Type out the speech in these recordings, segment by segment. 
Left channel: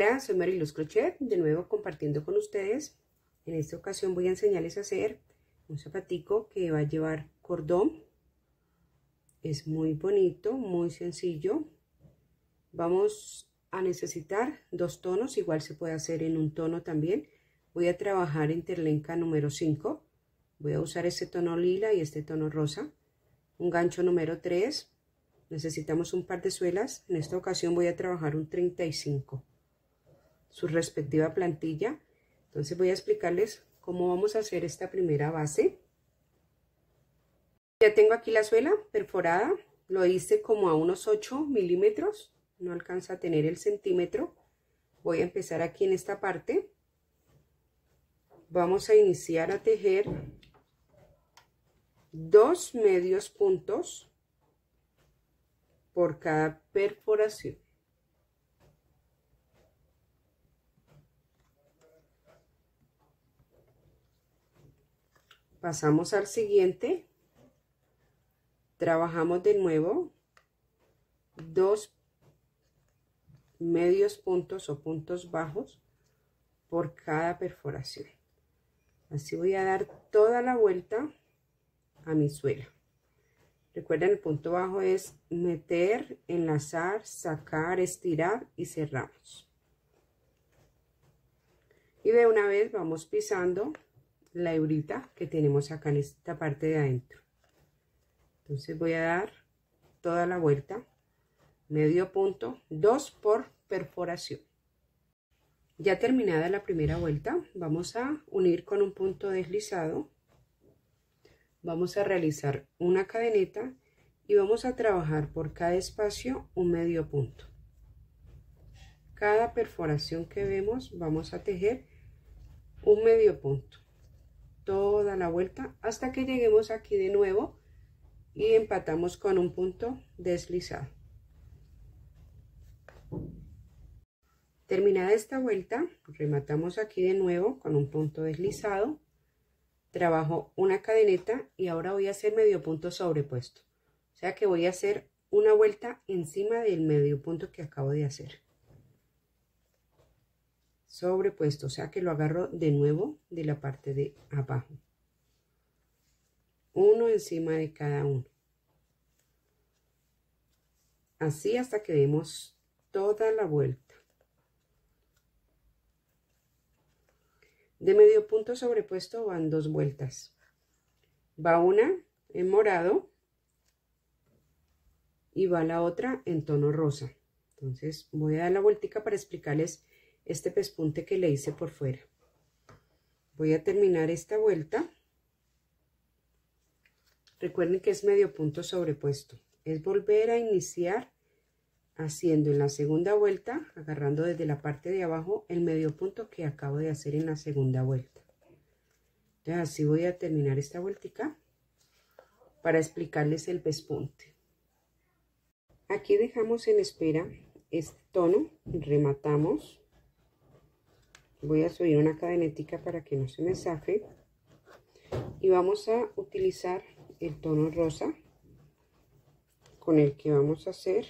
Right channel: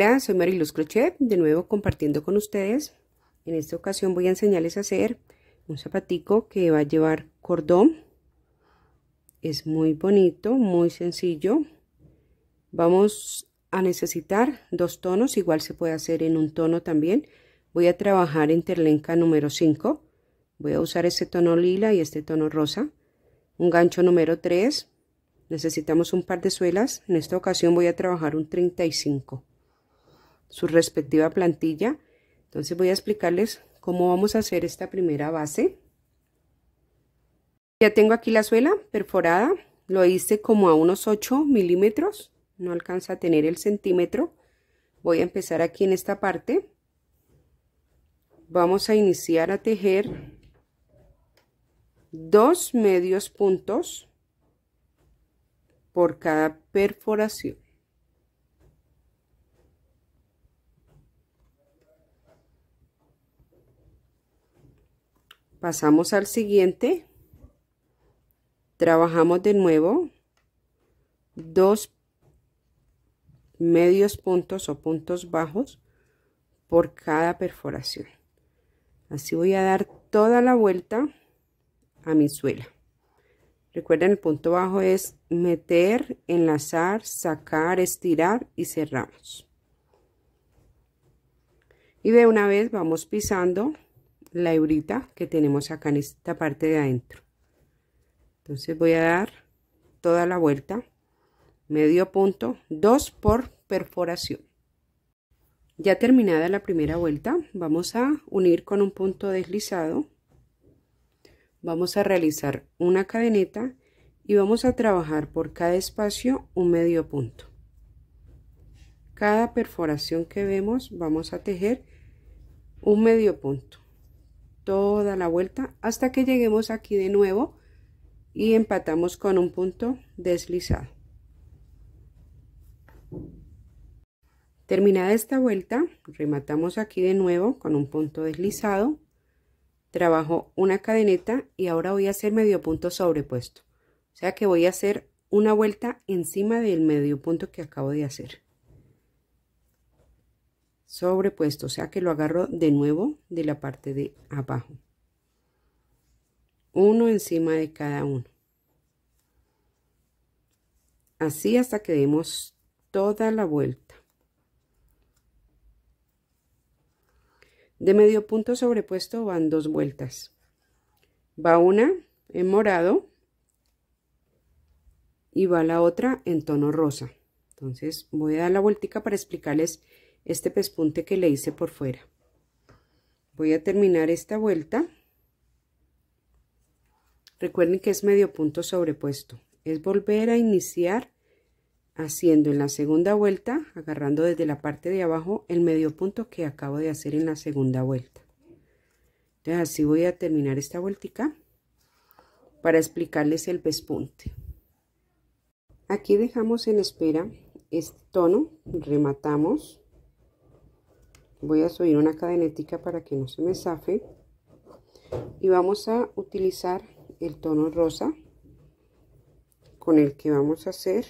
Hola, soy Mariluz Crochet, de nuevo compartiendo con ustedes. En esta ocasión voy a enseñarles a hacer un zapatico que va a llevar cordón. Es muy bonito, muy sencillo. Vamos a necesitar dos tonos, igual se puede hacer en un tono también. Voy a trabajar en terlenca número 5. Voy a usar este tono lila y este tono rosa. Un gancho número 3. Necesitamos un par de suelas. En esta ocasión voy a trabajar un 35. Su respectiva plantilla. Entonces voy a explicarles cómo vamos a hacer esta primera base. Ya tengo aquí la suela perforada, lo hice como a unos 8 milímetros, no alcanza a tener el centímetro. Voy a empezar aquí en esta parte. Vamos a iniciar a tejer 2 medios puntos por cada perforación. Pasamos al siguiente, trabajamos de nuevo 2 medios puntos o puntos bajos por cada perforación. Así voy a dar toda la vuelta a mi suela. Recuerden, el punto bajo es meter, enlazar, sacar, estirar y cerramos. Y de una vez vamos pisando la hebrita que tenemos acá en esta parte de adentro. Entonces voy a dar toda la vuelta, medio punto, 2 por perforación. Ya terminada la primera vuelta, vamos a unir con un punto deslizado. Vamos a realizar una cadeneta y vamos a trabajar por cada espacio un medio punto. Cada perforación que vemos vamos a tejer un medio punto toda la vuelta hasta que lleguemos aquí de nuevo y empatamos con un punto deslizado. Terminada esta vuelta, rematamos aquí de nuevo con un punto deslizado, trabajo una cadeneta y ahora voy a hacer medio punto sobrepuesto, o sea que voy a hacer una vuelta encima del medio punto que acabo de hacer. Sobrepuesto, o sea que lo agarro de nuevo de la parte de abajo, uno encima de cada uno, así hasta que demos toda la vuelta. De medio punto sobrepuesto van 2 vueltas, va una en morado y va la otra en tono rosa. Entonces voy a dar la vueltica para explicarles este pespunte que le hice por fuera. Voy a terminar esta vuelta. Recuerden que es medio punto sobrepuesto, es volver a iniciar haciendo en la segunda vuelta, agarrando desde la parte de abajo el medio punto que acabo de hacer en la segunda vuelta. Entonces así voy a terminar esta vueltica para explicarles el pespunte. Aquí dejamos en espera este tono, rematamos. Voy a subir una cadenetica para que no se me zafe y vamos a utilizar el tono rosa con el que vamos a hacer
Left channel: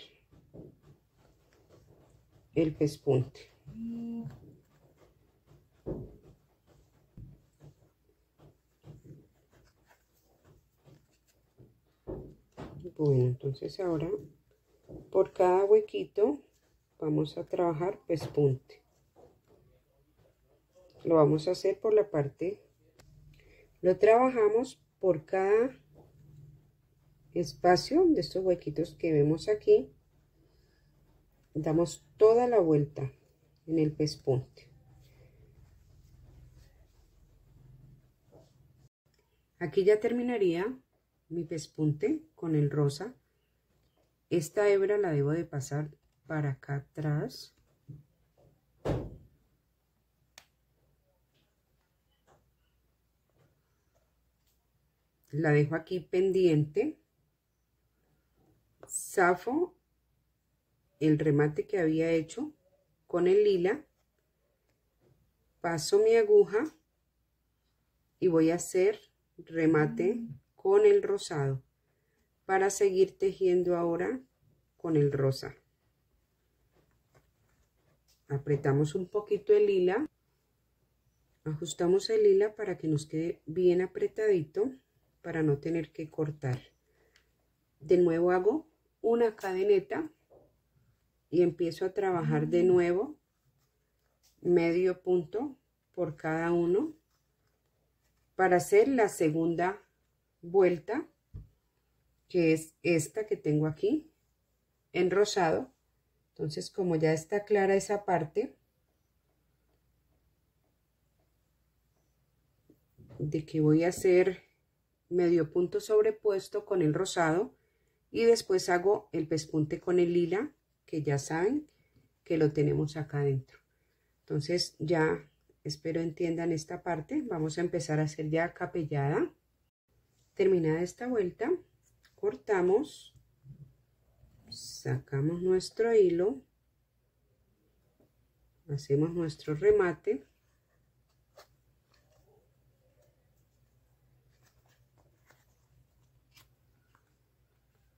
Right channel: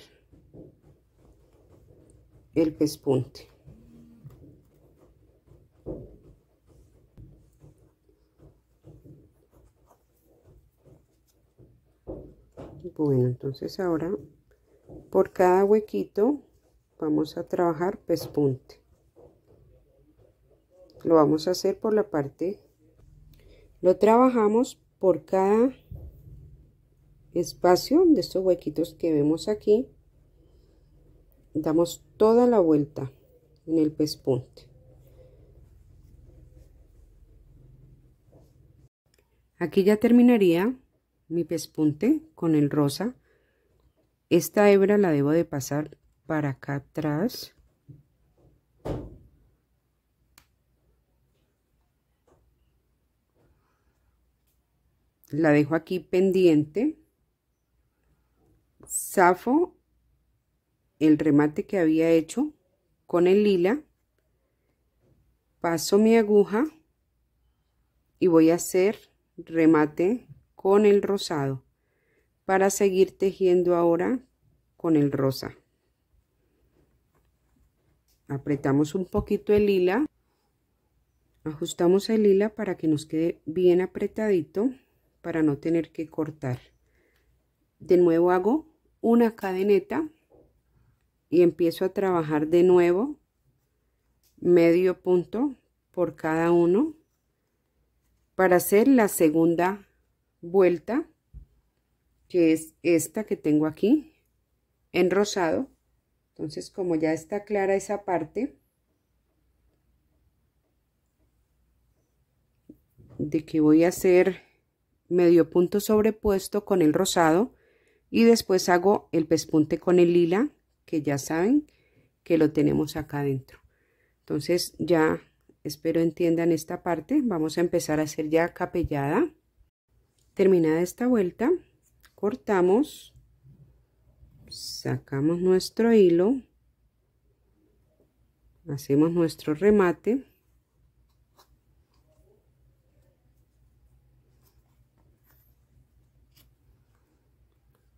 el pespunte. Bueno, entonces ahora por cada huequito vamos a trabajar pespunte. Lo vamos a hacer por la parte, lo trabajamos por cada espacio de estos huequitos que vemos aquí, damos toda la vuelta en el pespunte. Aquí ya terminaría mi pespunte con el rosa. Esta hebra la debo de pasar para acá atrás. La dejo aquí pendiente, zafo el remate que había hecho con el lila, paso mi aguja y voy a hacer remate con el rosado para seguir tejiendo ahora con el rosa. apretamos un poquito el hila, ajustamos el hila para que nos quede bien apretadito, para no tener que cortar. De nuevo hago una cadeneta y empiezo a trabajar de nuevo medio punto por cada uno para hacer la segunda vuelta, que es esta que tengo aquí en rosado. Entonces, como ya está clara esa parte de que voy a hacer medio punto sobrepuesto con el rosado y después hago el pespunte con el lila, que ya saben que lo tenemos acá adentro. Entonces ya espero entiendan esta parte. Vamos a empezar a hacer ya capellada. Terminada esta vuelta, cortamos, sacamos nuestro hilo, hacemos nuestro remate,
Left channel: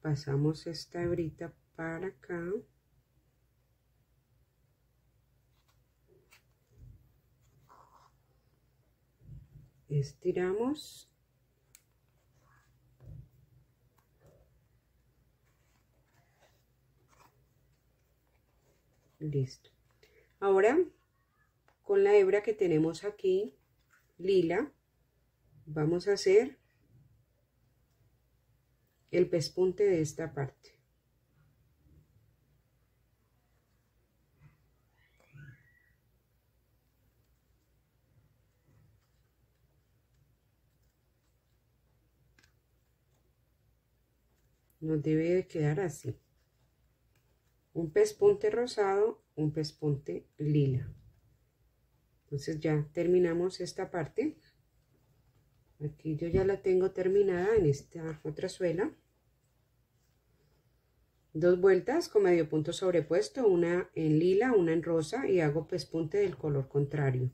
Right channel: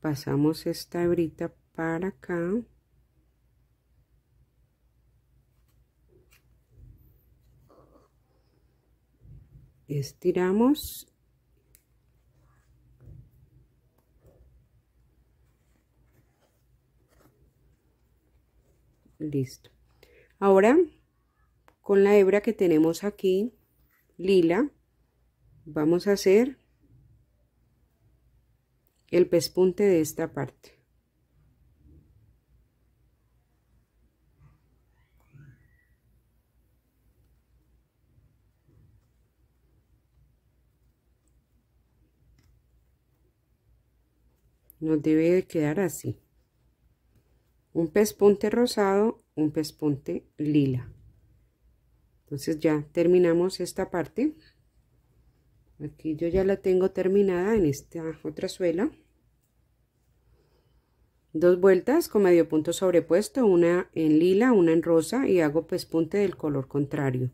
pasamos esta hebrita para acá, estiramos listo. Ahora con la hebra que tenemos aquí lila vamos a hacer el pespunte de esta parte. Nos debe de quedar así: un pespunte rosado, un pespunte lila. Entonces ya terminamos esta parte. Aquí yo ya la tengo terminada en esta otra suela. Dos vueltas con medio punto sobrepuesto, una en lila, una en rosa, y hago pespunte del color contrario.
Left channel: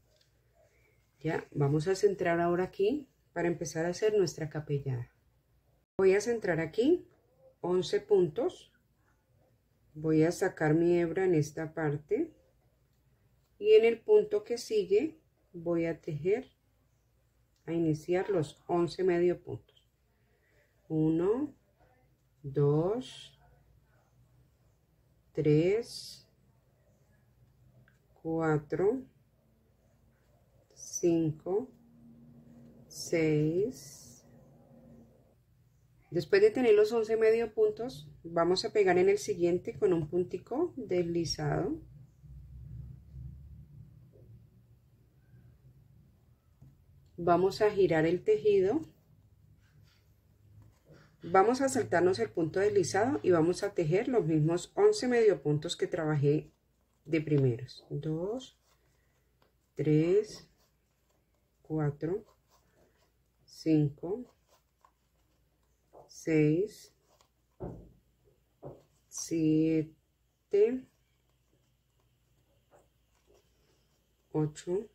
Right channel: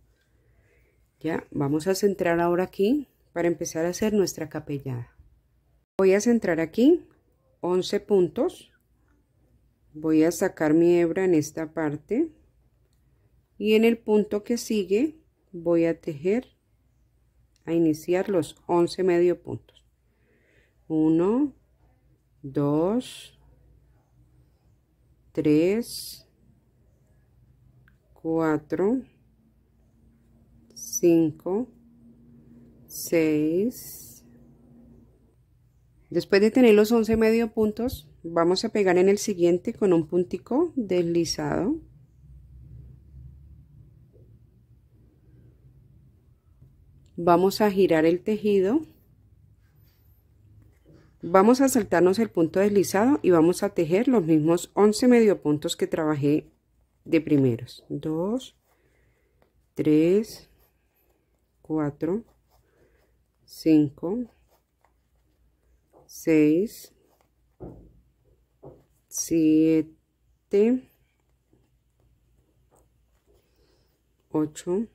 Ya vamos a centrar ahora aquí para empezar a hacer nuestra capellada. Voy a centrar aquí 11 puntos. Voy a sacar mi hebra en esta parte y en el punto que sigue voy a tejer, a iniciar los 11 medio puntos. 1, 2, 3, 4, 5, 6. Después de tener los 11 medio puntos, vamos a pegar en el siguiente con un puntico deslizado. Vamos a girar el tejido. Vamos a saltarnos el punto deslizado y vamos a tejer los mismos 11 medio puntos que trabajé de primeros. 2, 3, 4, 5, 6, 7, 8,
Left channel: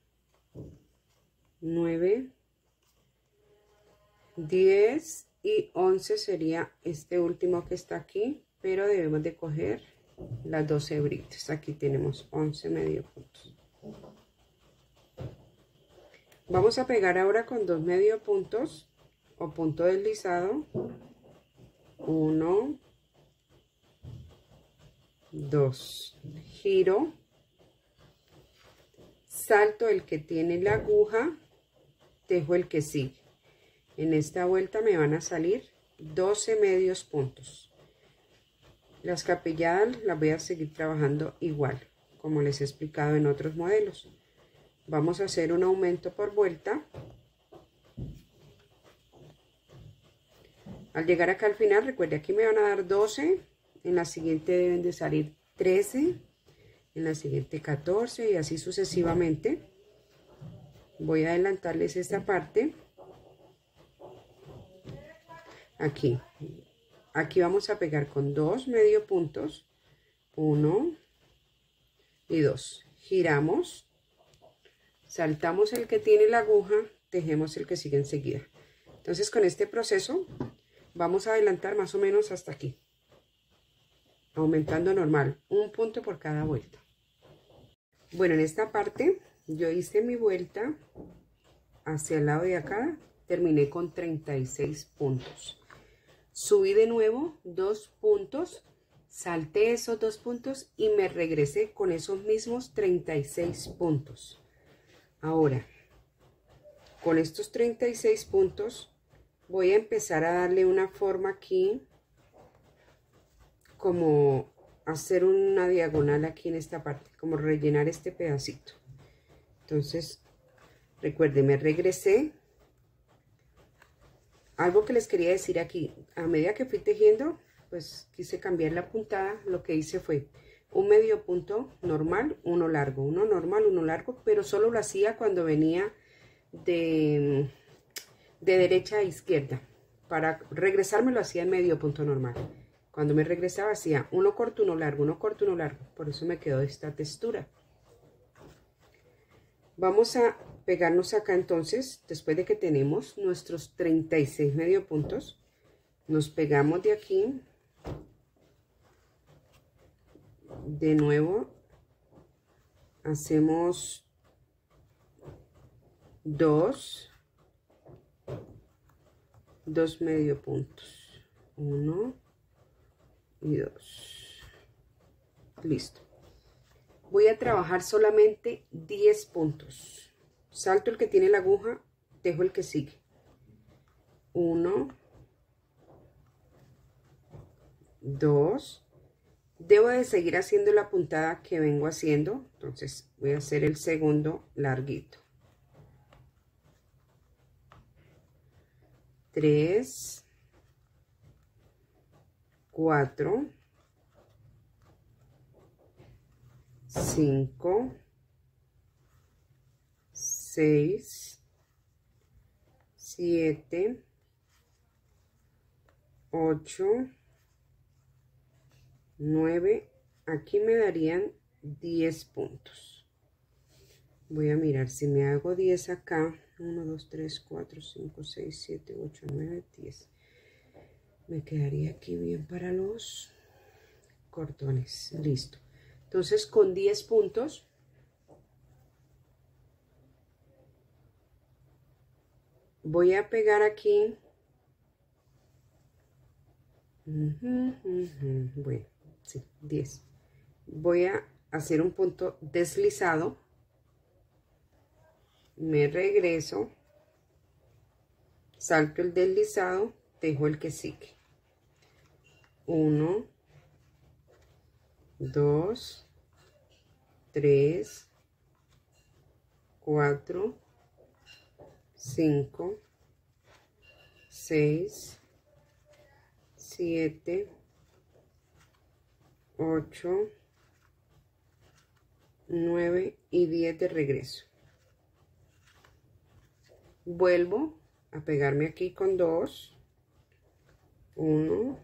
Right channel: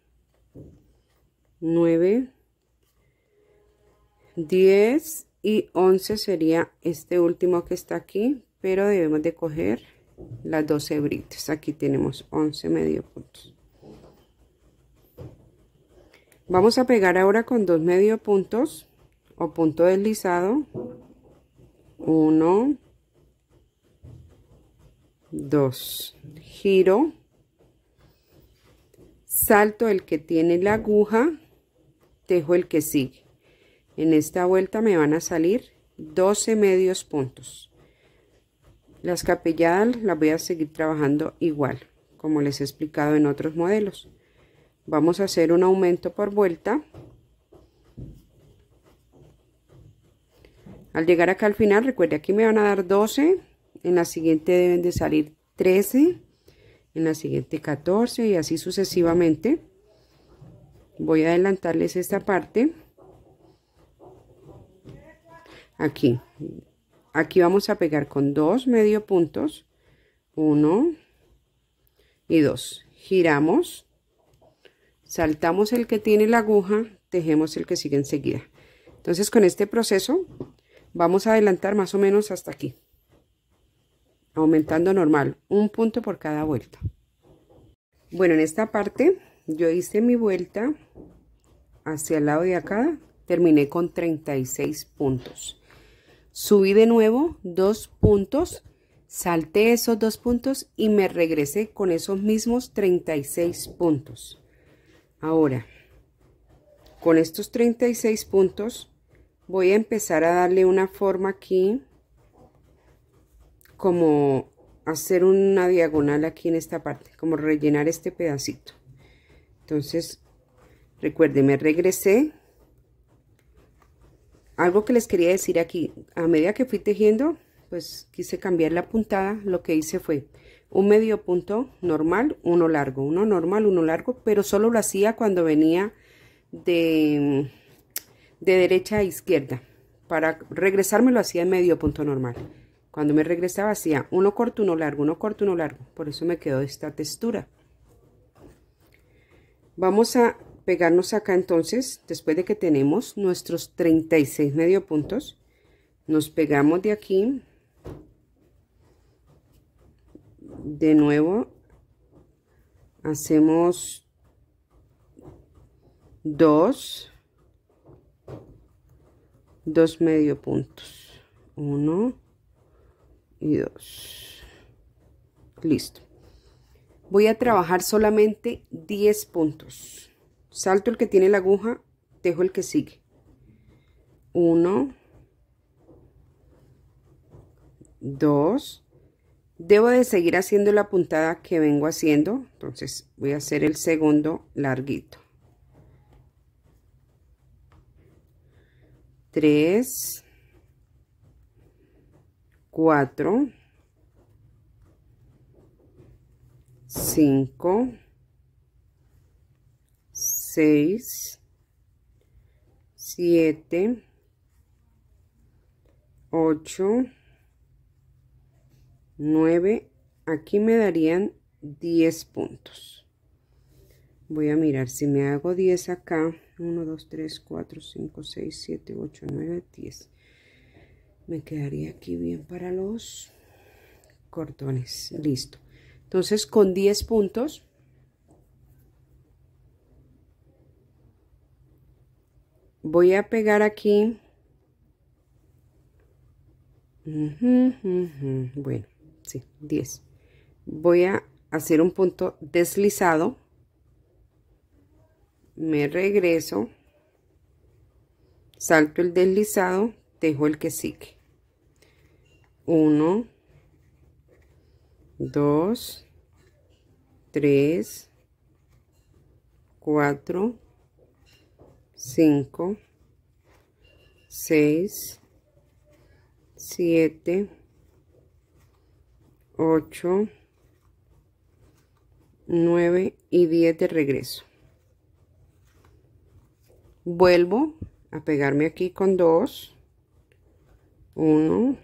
9, 10 y 11 sería este último que está aquí, pero debemos de coger las 12 hebritas. Aquí tenemos 11 medio puntos. Vamos a pegar ahora con 2 medio puntos o punto deslizado. 1, 2, giro, salto el que tiene la aguja, tejo el que sigue. En esta vuelta me van a salir 12 medios puntos. Las capelladas las voy a seguir trabajando igual, como les he explicado en otros modelos. Vamos a hacer un aumento por vuelta. Al llegar acá al final, recuerde, aquí me van a dar 12, en la siguiente deben de salir 13, en la siguiente 14 y así sucesivamente. Voy a adelantarles esta parte. Aquí vamos a pegar con 2 medio puntos, 1 y 2. Giramos, saltamos el que tiene la aguja, tejemos el que sigue enseguida. Entonces con este proceso vamos a adelantar más o menos hasta aquí, aumentando normal, un punto por cada vuelta. Bueno, en esta parte yo hice mi vuelta hacia el lado de acá, terminé con 36 puntos. Subí de nuevo 2 puntos, salté esos 2 puntos y me regresé con esos mismos 36 puntos. Ahora, con estos 36 puntos voy a empezar a darle una forma aquí, como hacer una diagonal aquí en esta parte, como rellenar este pedacito. Entonces, recuerden, me regresé. Algo que les quería decir aquí, a medida que fui tejiendo, pues quise cambiar la puntada. Lo que hice fue un medio punto normal, uno largo, uno normal, uno largo, pero solo lo hacía cuando venía de derecha a izquierda. Para regresarme lo hacía en medio punto normal. Cuando me regresaba hacía uno corto, uno largo, uno corto, uno largo. Por eso me quedó esta textura. Vamos a pegarnos acá entonces, después de que tenemos nuestros 36 medio puntos, nos pegamos de aquí, de nuevo, hacemos 2 medio puntos, 1 y 2, listo. Voy a trabajar solamente 10 puntos. Salto el que tiene la aguja, dejo el que sigue. 1, 2. Debo de seguir haciendo la puntada que vengo haciendo. Entonces voy a hacer el segundo larguito. 3, 4, 5, 6, 7, 8, 9, aquí me darían 10 puntos. Voy a mirar si me hago 10 acá. 1, 2, 3, 4, 5, 6, 7, 8, 9, 10. Me quedaría aquí bien para los cordones. Listo. Entonces con 10 puntos voy a pegar aquí. Bueno, sí, 10. Voy a hacer un punto deslizado. Me regreso, salto el deslizado, dejo el que sigue. 1, 2, 3, 4, 5, 6, 7, 8, 9 y 10 de regreso. Vuelvo a pegarme aquí con 2, 1,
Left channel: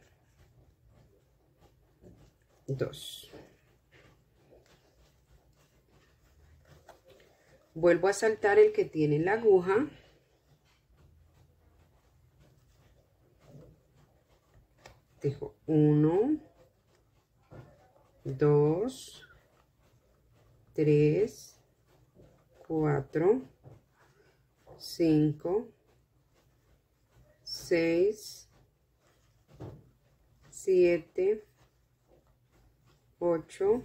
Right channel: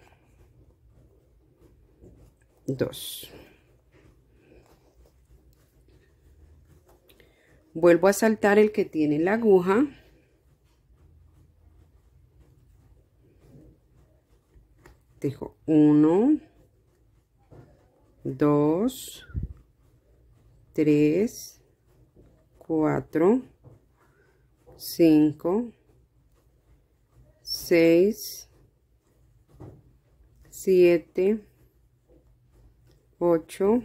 2. Vuelvo a saltar el que tiene la aguja. Dejo 1, 2, 3, 4, 5, 6, 7, 8,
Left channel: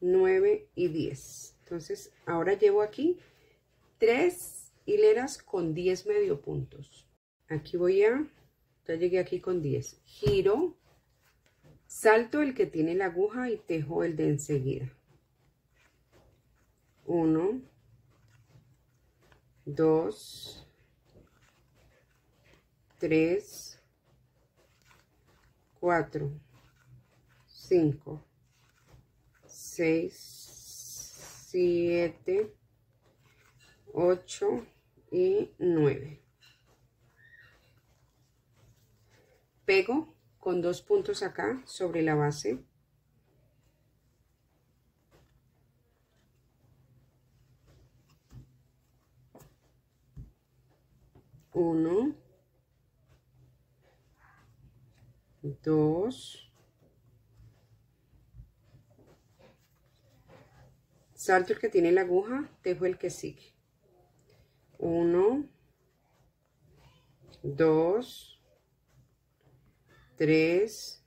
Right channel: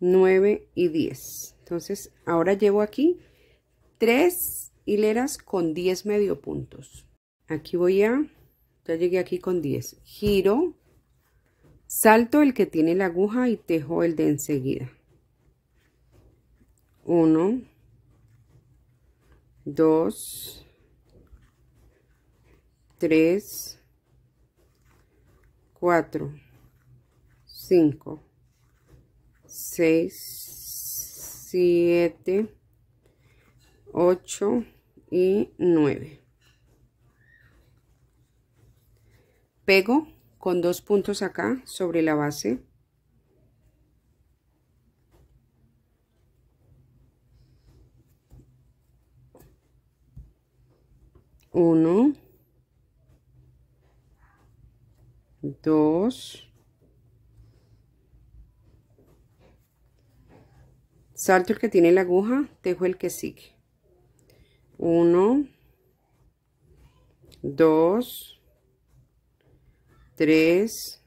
9 y 10. Entonces ahora llevo aquí 3 hileras con 10 medio puntos. Aquí ya llegué aquí con 10. Giro, salto el que tiene la aguja y tejo el de enseguida. 1, 2, 3, 4, 5, 6, 7, 8 y 9. Pego con 2 puntos acá sobre la base. Uno, 2, salto el que tiene la aguja, tejo el que sigue. 1, 2, 3,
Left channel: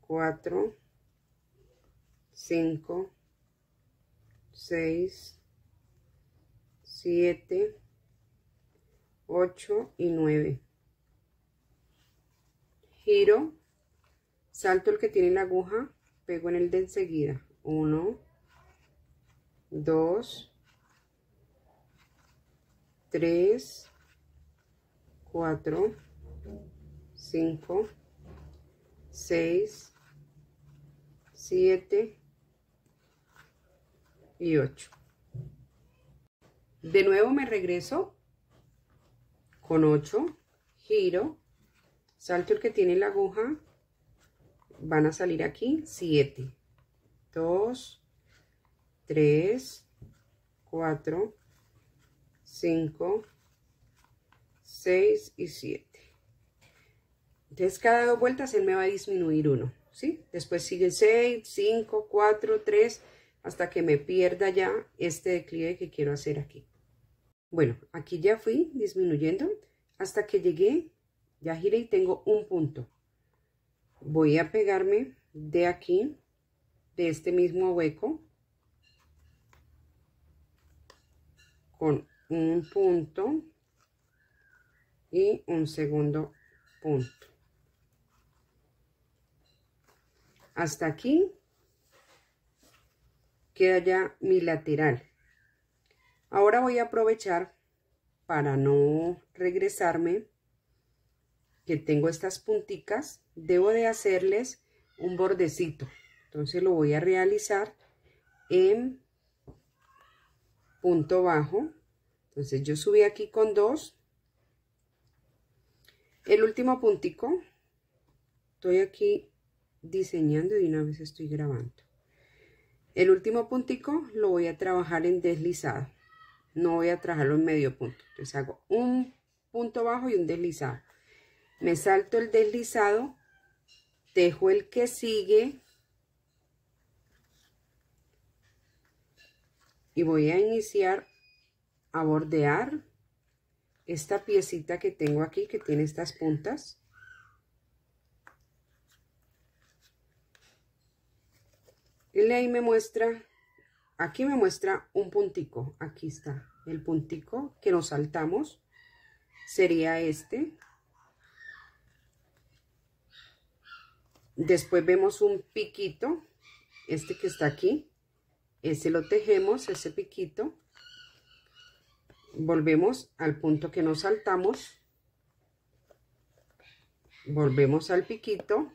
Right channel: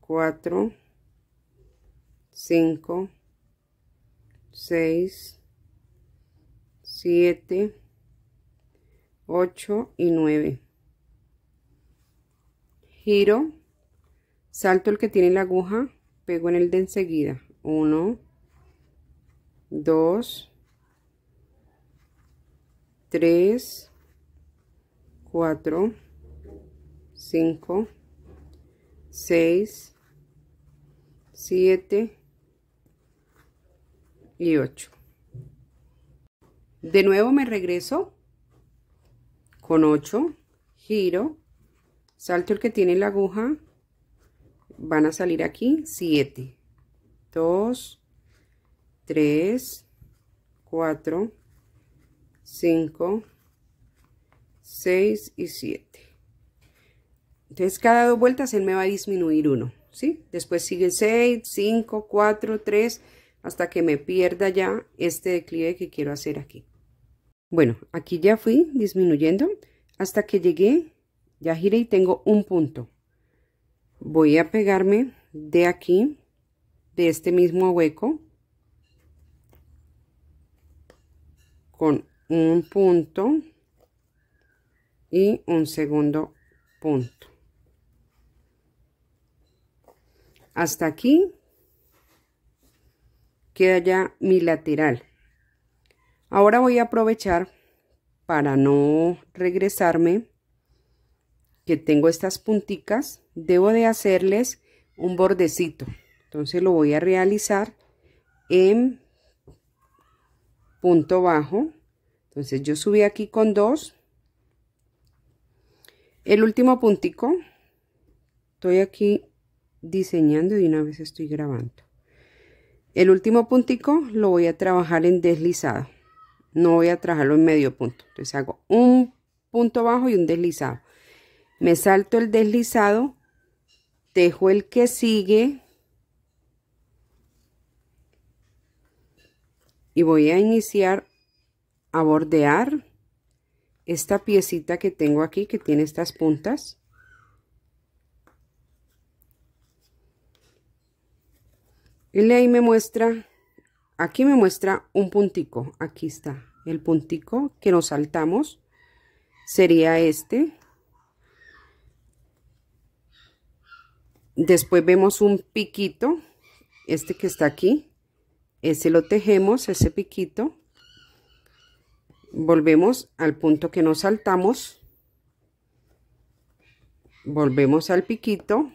4, 5, 6, 7, 8 y 9. Giro, salto el que tiene la aguja, pego en el de enseguida. 1, 2, 3, 4, 5, 6, 7 y 8. De nuevo me regreso con 8, giro, salto el que tiene la aguja, van a salir aquí 7, 2, 3, 4, 5, 6 y 7. Entonces cada 2 vueltas él me va a disminuir 1, ¿sí? Después sigue 6, 5, 4, 3, hasta que me pierda ya este declive que quiero hacer aquí. Bueno, aquí ya fui disminuyendo hasta que llegué, ya giré y tengo un punto. Voy a pegarme de aquí, de este mismo hueco, con un punto y un segundo punto. Hasta aquí queda ya mi lateral. Ahora voy a aprovechar para no regresarme, que tengo estas punticas, debo de hacerles un bordecito. Entonces lo voy a realizar en punto bajo. Entonces yo subí aquí con 2. El último puntico, estoy aquí diseñando y de una vez estoy grabando. El último puntico lo voy a trabajar en deslizado. No voy a trabajarlo en medio punto. Entonces hago un punto bajo y un deslizado. Me salto el deslizado, tejo el que sigue y voy a iniciar a bordear esta piecita que tengo aquí, que tiene estas puntas. Y ahí me muestra, aquí me muestra un puntico, aquí está el puntico que nos saltamos, sería este. Después vemos un piquito, este que está aquí, ese lo tejemos, ese piquito. Volvemos al punto que nos saltamos, volvemos al piquito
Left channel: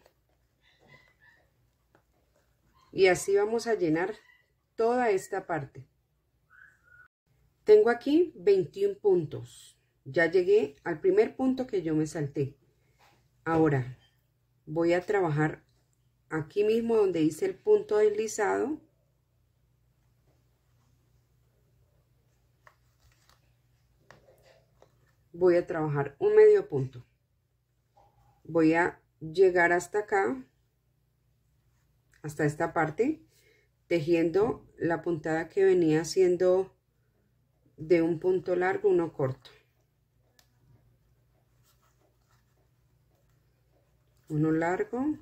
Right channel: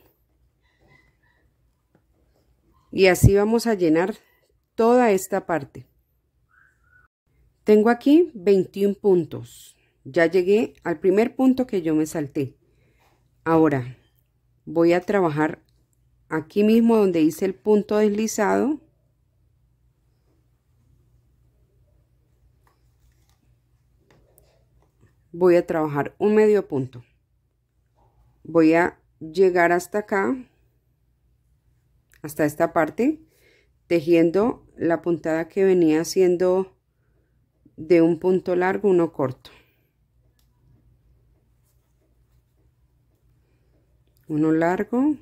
y así vamos a llenar toda esta parte. Tengo aquí 21 puntos, ya llegué al primer punto que yo me salté. Ahora voy a trabajar aquí mismo donde hice el punto deslizado. Voy a trabajar un medio punto. Voy a llegar hasta acá, hasta esta parte, tejiendo la puntada que venía haciendo de un punto largo, uno corto. Uno largo,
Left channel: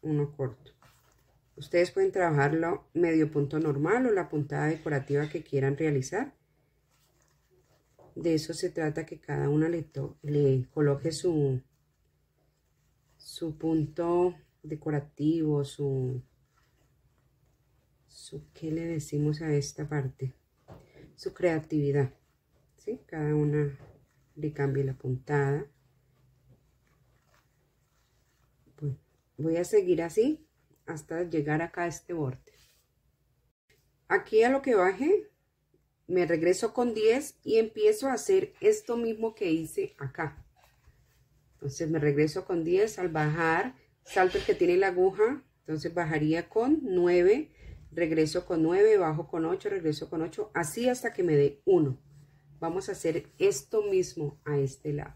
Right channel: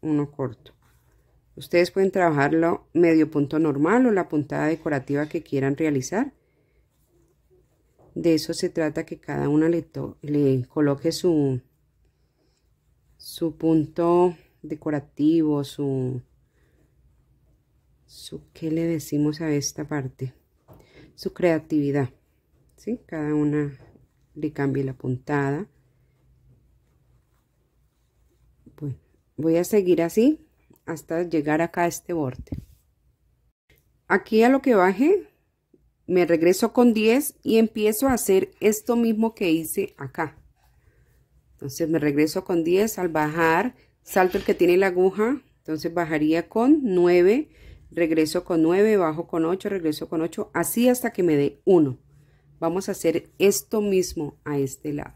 uno corto. Ustedes pueden trabajarlo medio punto normal o la puntada decorativa que quieran realizar. De eso se trata, que cada una le coloque su punto decorativo, ¿qué le decimos a esta parte? Su creatividad, ¿sí? Cada una le cambie la puntada. Bueno, voy a seguir así hasta llegar acá a este borde. Aquí a lo que baje, me regreso con 10 y empiezo a hacer esto mismo que hice acá. Entonces me regreso con 10, al bajar salto el que tiene la aguja, entonces bajaría con 9, regreso con 9, bajo con 8, regreso con 8, así hasta que me dé 1. Vamos a hacer esto mismo a este lado.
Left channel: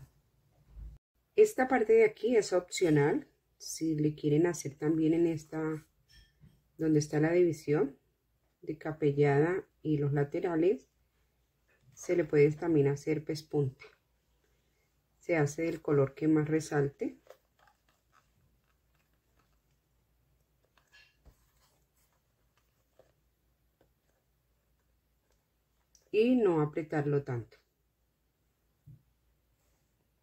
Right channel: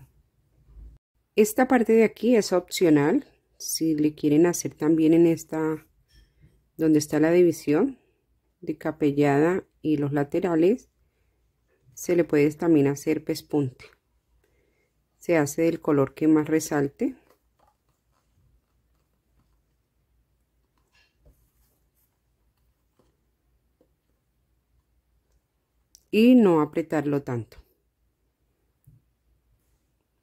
Esta parte de aquí es opcional, si le quieren hacer también en esta, donde está la división, de capellada y los laterales se le puede también hacer pespunte. Se hace del color que más resalte. Y no apretarlo tanto.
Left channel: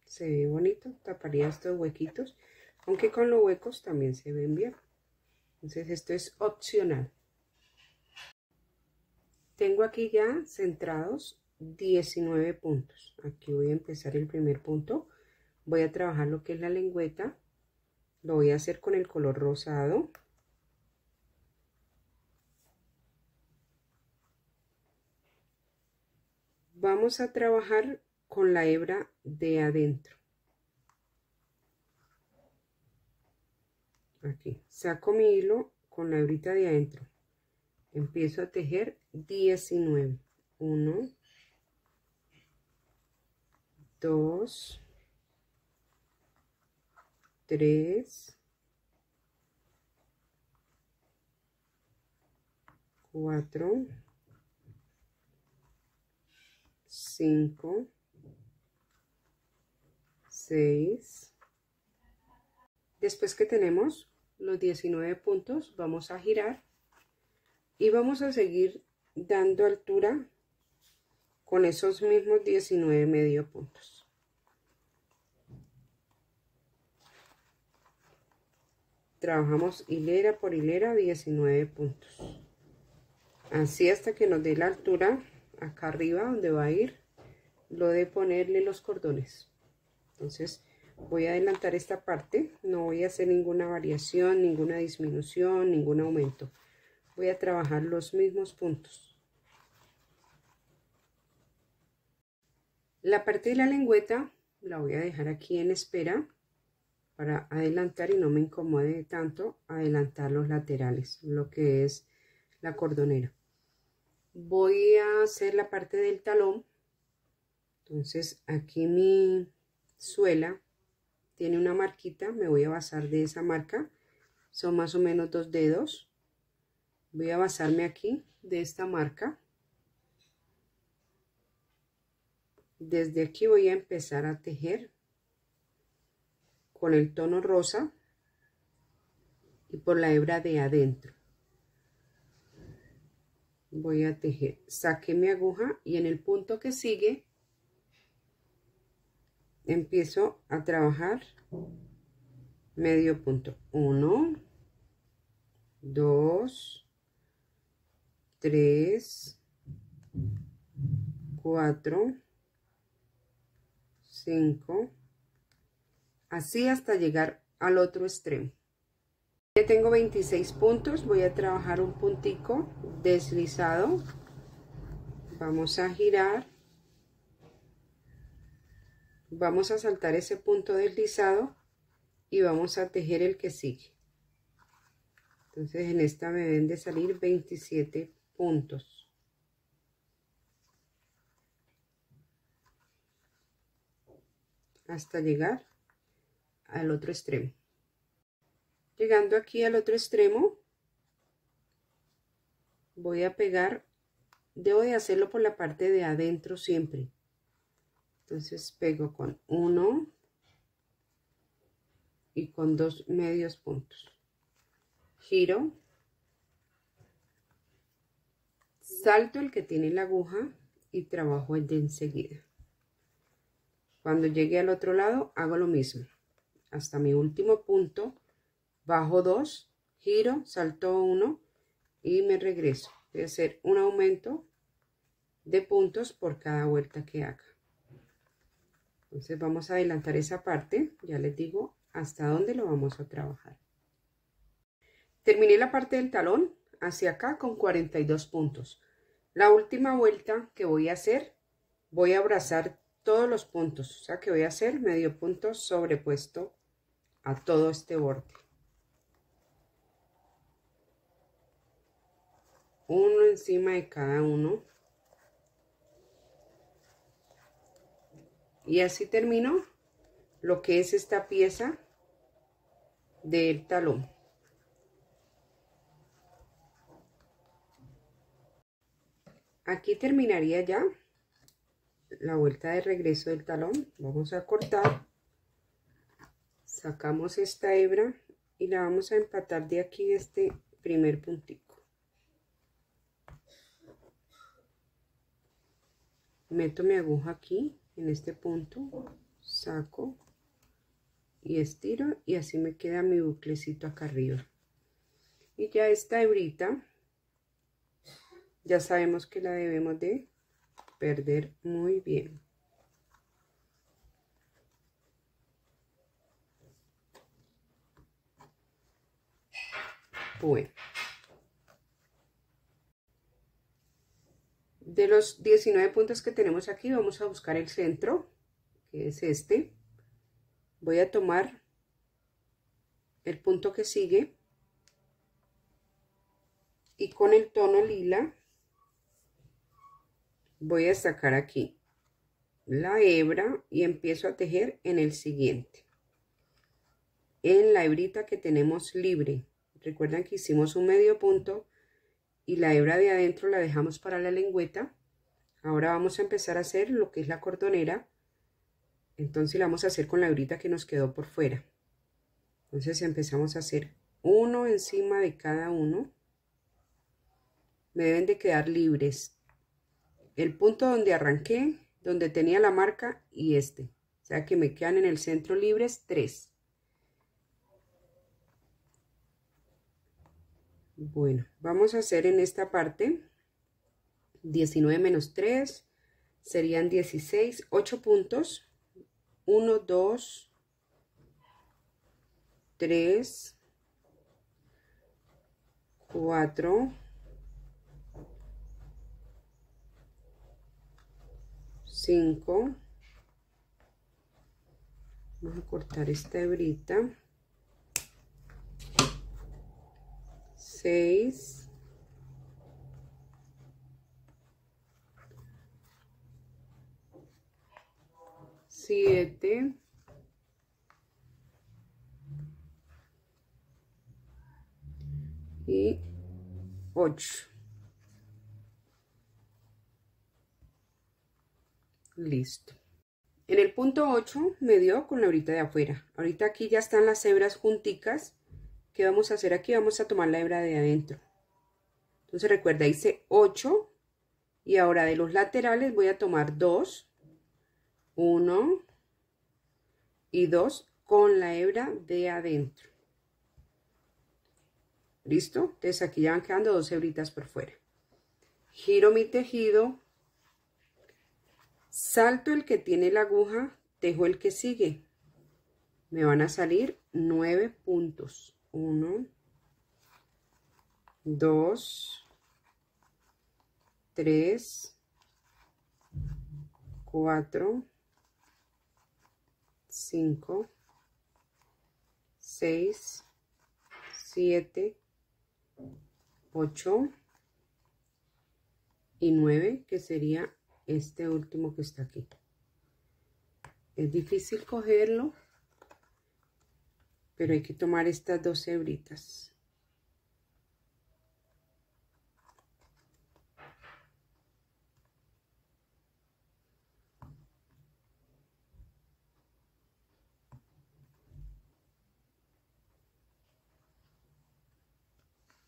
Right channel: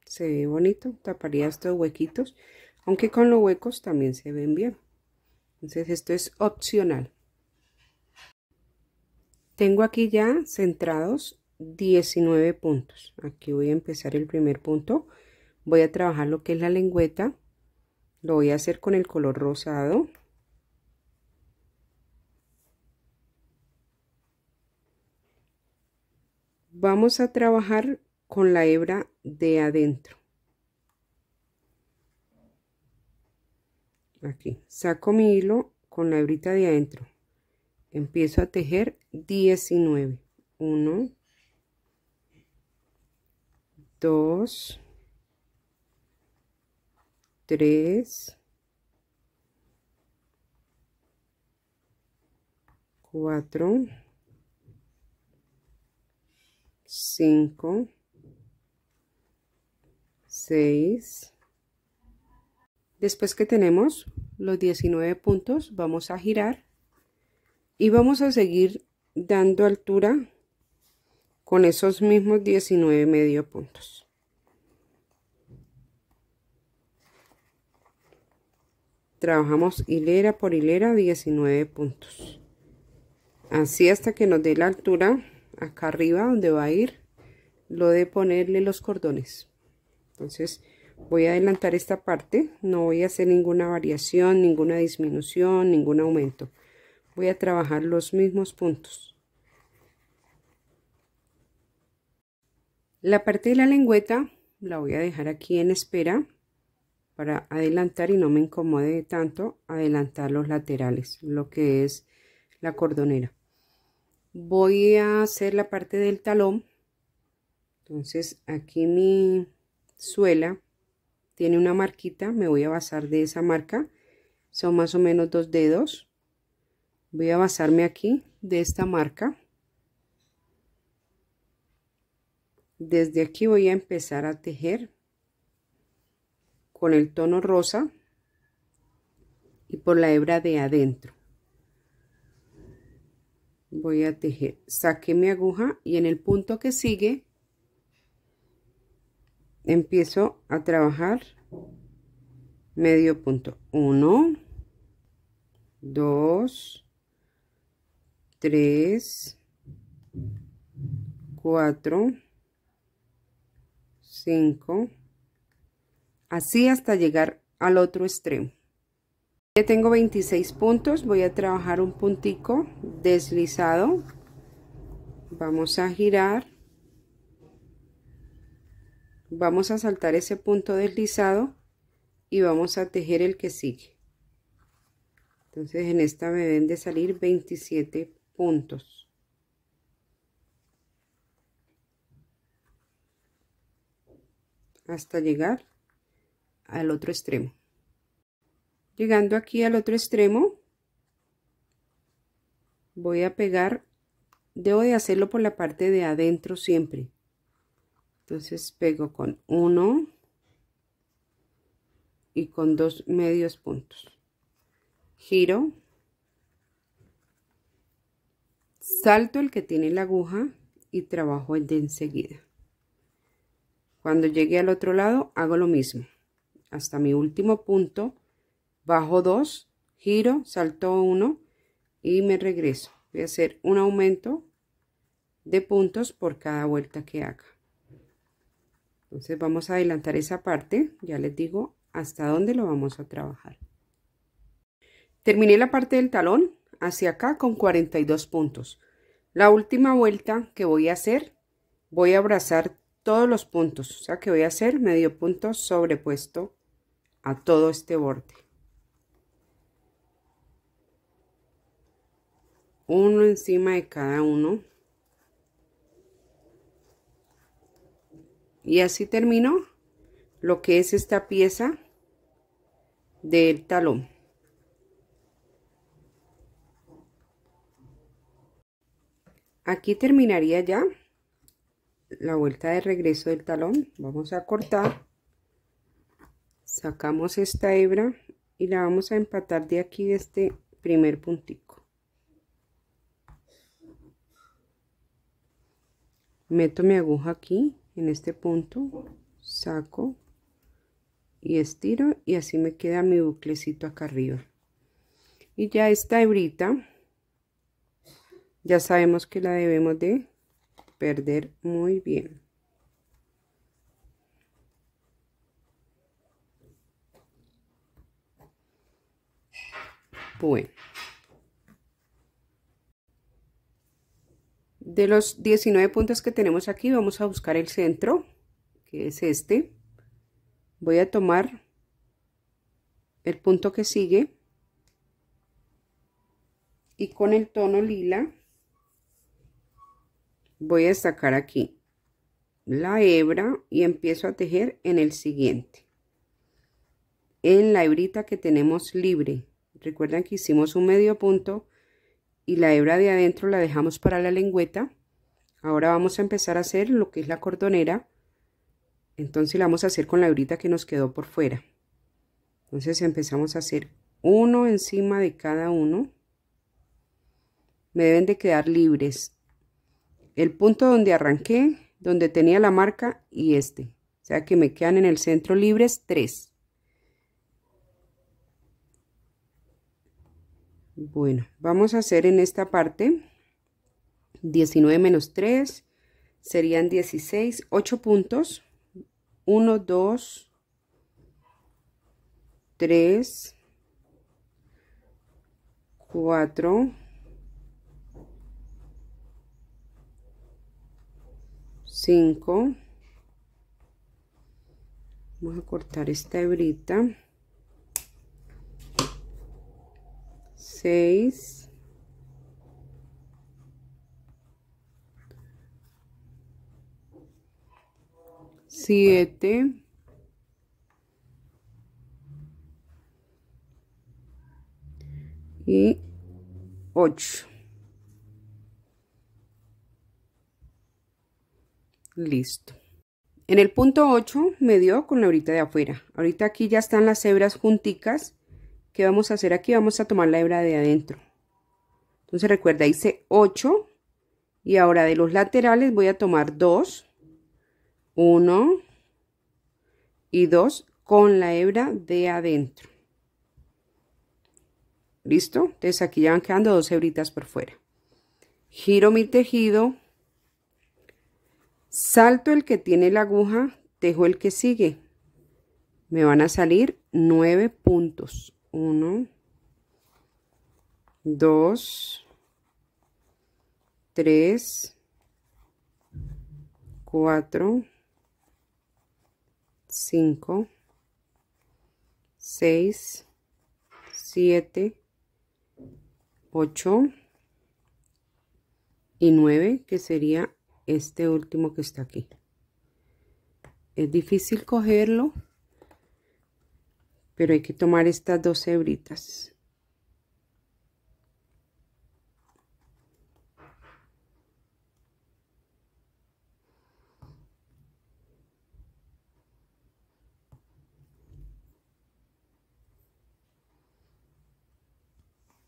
Se ve bonito, taparía estos huequitos, aunque con los huecos también se ven bien. Entonces esto es opcional. Tengo aquí ya centrados 19 puntos. Aquí voy a empezar el primer punto. Voy a trabajar lo que es la lengüeta. Lo voy a hacer con el color rosado. Vamos a trabajar con la hebra de adentro. Aquí saco mi hilo con la hebrita de adentro. Empiezo a tejer 19. 1, 2, 3, 4, 5, 6. Después que tenemos los 19 puntos, vamos a girar y vamos a seguir dando altura con esos mismos 19 medio puntos. Trabajamos hilera por hilera 19 puntos. Así hasta que nos dé la altura acá arriba donde va a ir lo de ponerle los cordones. Entonces voy a adelantar esta parte, no voy a hacer ninguna variación, ninguna disminución, ningún aumento. Voy a trabajar los mismos puntos. La parte de la lengüeta la voy a dejar aquí en espera para adelantar y no me incomode tanto adelantar los laterales, lo que es la cordonera. Voy a hacer la parte del talón. Entonces aquí mi suela tiene una marquita, me voy a basar de esa marca, son más o menos 2 dedos. Voy a basarme aquí de esta marca. Desde aquí voy a empezar a tejer con el tono rosa y por la hebra de adentro. Voy a tejer, saqué mi aguja y en el punto que sigue empiezo a trabajar medio punto. 1, 2, 3, 4, 5, así hasta llegar al otro extremo. Ya tengo 26 puntos, voy a trabajar un puntico deslizado. Vamos a girar. Vamos a saltar ese punto deslizado y vamos a tejer el que sigue. Entonces en esta me deben de salir 27 puntos. Hasta llegar al otro extremo. Llegando aquí al otro extremo, voy a pegar, debo de hacerlo por la parte de adentro siempre. Entonces pego con 1 y con 2 medios puntos. Giro, salto el que tiene la aguja y trabajo el de enseguida. Cuando llegue al otro lado hago lo mismo. Hasta mi último punto, bajo 2, giro, salto 1 y me regreso. Voy a hacer un aumento de puntos por cada vuelta que haga. Entonces vamos a adelantar esa parte, ya les digo hasta dónde lo vamos a trabajar. Terminé la parte del talón hacia acá con 42 puntos. La última vuelta que voy a hacer, voy a abrazar todos los puntos, o sea que voy a hacer medio punto sobrepuesto a todo este borde. Uno encima de cada uno. Y así termino lo que es esta pieza del talón. aquí terminaría ya la vuelta de regreso del talón. Vamos a cortar, sacamos esta hebra y la vamos a empatar de aquí, de este primer puntico. Meto mi aguja aquí en este punto, saco y estiro, y así me queda mi buclecito acá arriba. Y ya esta hebrita ya sabemos que la debemos de perder muy bien. Bueno, de los 19 puntos que tenemos aquí, vamos a buscar el centro, que es este. Voy a tomar el punto que sigue y con el tono lila voy a sacar aquí la hebra y empiezo a tejer en el siguiente, en la hebrita que tenemos libre. Recuerden que hicimos un medio punto y la hebra de adentro la dejamos para la lengüeta. Ahora vamos a empezar a hacer lo que es la cordonera. Entonces la vamos a hacer con la hebrita que nos quedó por fuera. Entonces empezamos a hacer uno encima de cada uno. Me deben de quedar libres el punto donde arranqué, donde tenía la marca, y este. O sea que me quedan en el centro libres 3. Bueno, vamos a hacer en esta parte 19 menos 3 serían 16, 8 puntos. 1, 2, 3, 4, 5. Vamos a cortar esta hebrita. 6, 7, 8. Listo. En el punto 8 me dio con la hebrita de afuera. Ahorita aquí ya están las hebras junticas. ¿Qué vamos a hacer aquí? Vamos a tomar la hebra de adentro. Entonces recuerda, hice 8 y ahora de los laterales voy a tomar 2, 1 y 2 con la hebra de adentro. ¿Listo? Entonces aquí ya van quedando 2 hebritas por fuera. Giro mi tejido, salto el que tiene la aguja, tejo el que sigue. Me van a salir 9 puntos. 1, 2, 3, 4, 5, 6, 7, 8 y 9, que sería este último que está aquí. Es difícil cogerlo, pero hay que tomar estas 2 hebritas.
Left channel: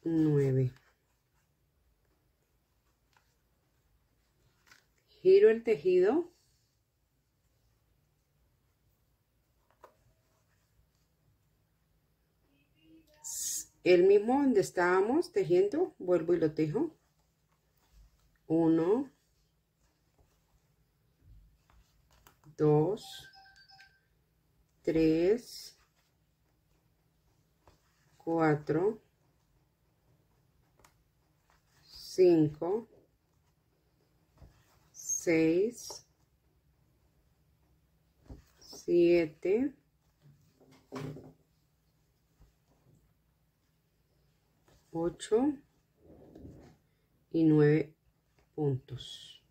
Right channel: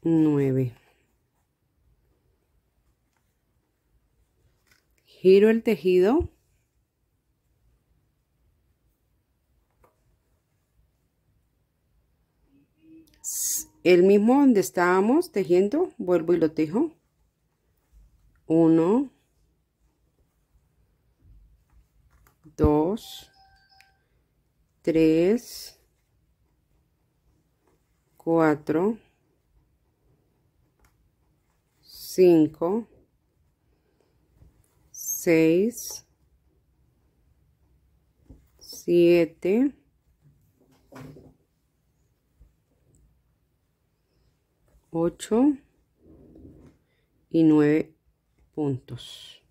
Nueve. Giro el tejido. El mismo donde estábamos tejiendo, vuelvo y lo tejo. 1, 2, 3, 4, 5, 6, 7, 8 y 9 puntos.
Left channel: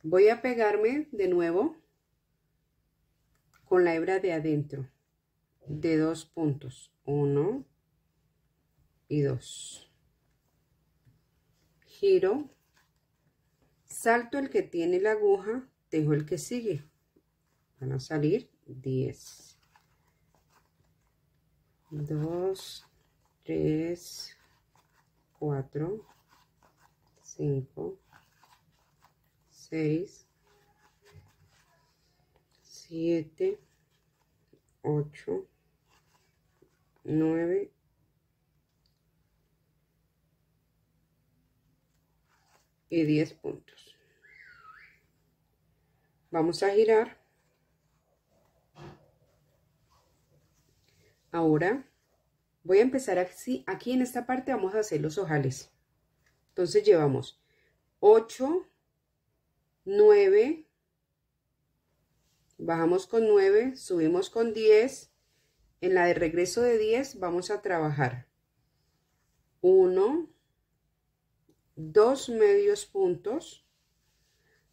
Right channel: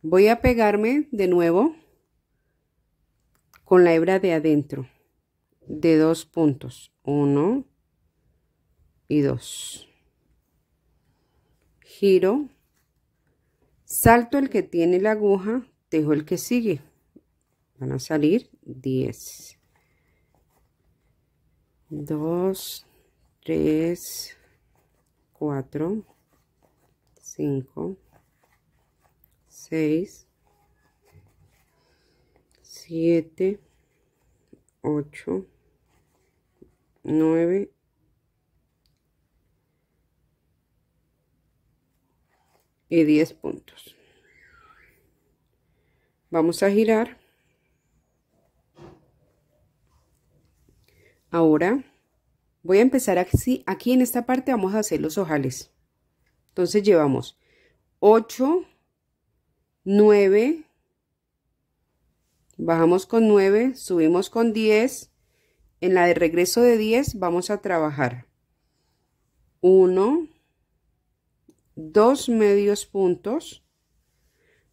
Voy a pegarme de nuevo con la hebra de adentro de 2 puntos, 1 y 2. giro, salto el que tiene la aguja, tejo el que sigue, van a salir 10, 2, 3, 4, 5, 6, 7, 8, 9 y 10 puntos. Vamos a girar. Ahora voy a empezar aquí en esta parte vamos a hacer los ojales. Entonces llevamos 8, 9, bajamos con 9, subimos con 10. En la de regreso de 10 vamos a trabajar 1, 2 medios puntos,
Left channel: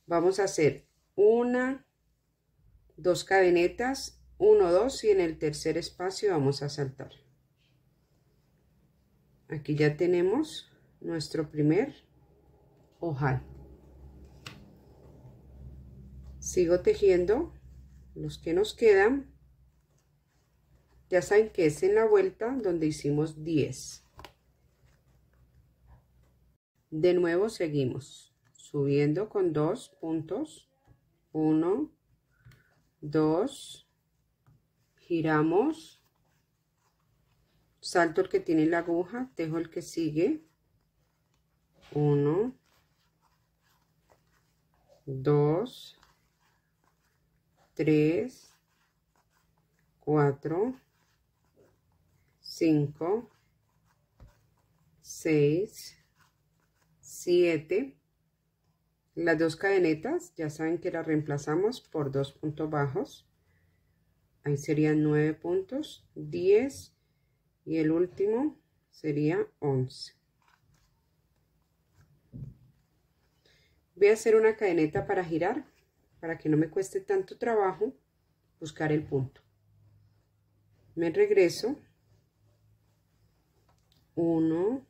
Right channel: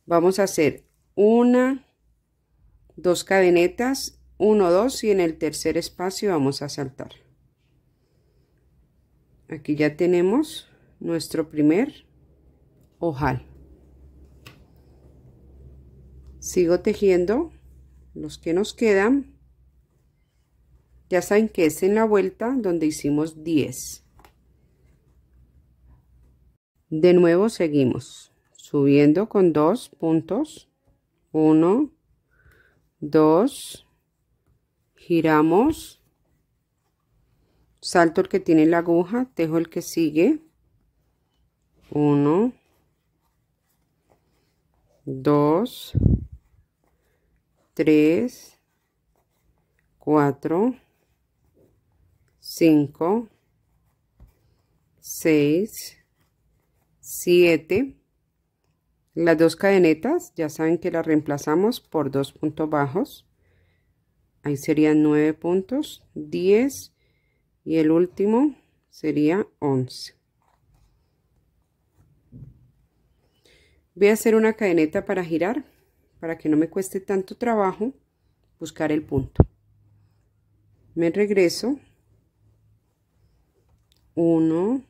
vamos a hacer 1, 2 cadenetas, 1, 2 y en el tercer espacio vamos a saltar. Aquí ya tenemos nuestro primer ojal. Sigo tejiendo los que nos quedan. Ya saben que es en la vuelta donde hicimos 10. De nuevo seguimos subiendo con 2 puntos. 1, 2, giramos, salto el que tiene la aguja, tejo el que sigue. 1, 2, 3, 4, 5, 6, 7. Las 2 cadenetas ya saben que las reemplazamos por 2 puntos bajos. Ahí serían 9 puntos, 10 y el último sería 11. Voy a hacer una cadeneta para girar, para que no me cueste tanto trabajo buscar el punto. Me regreso. 1,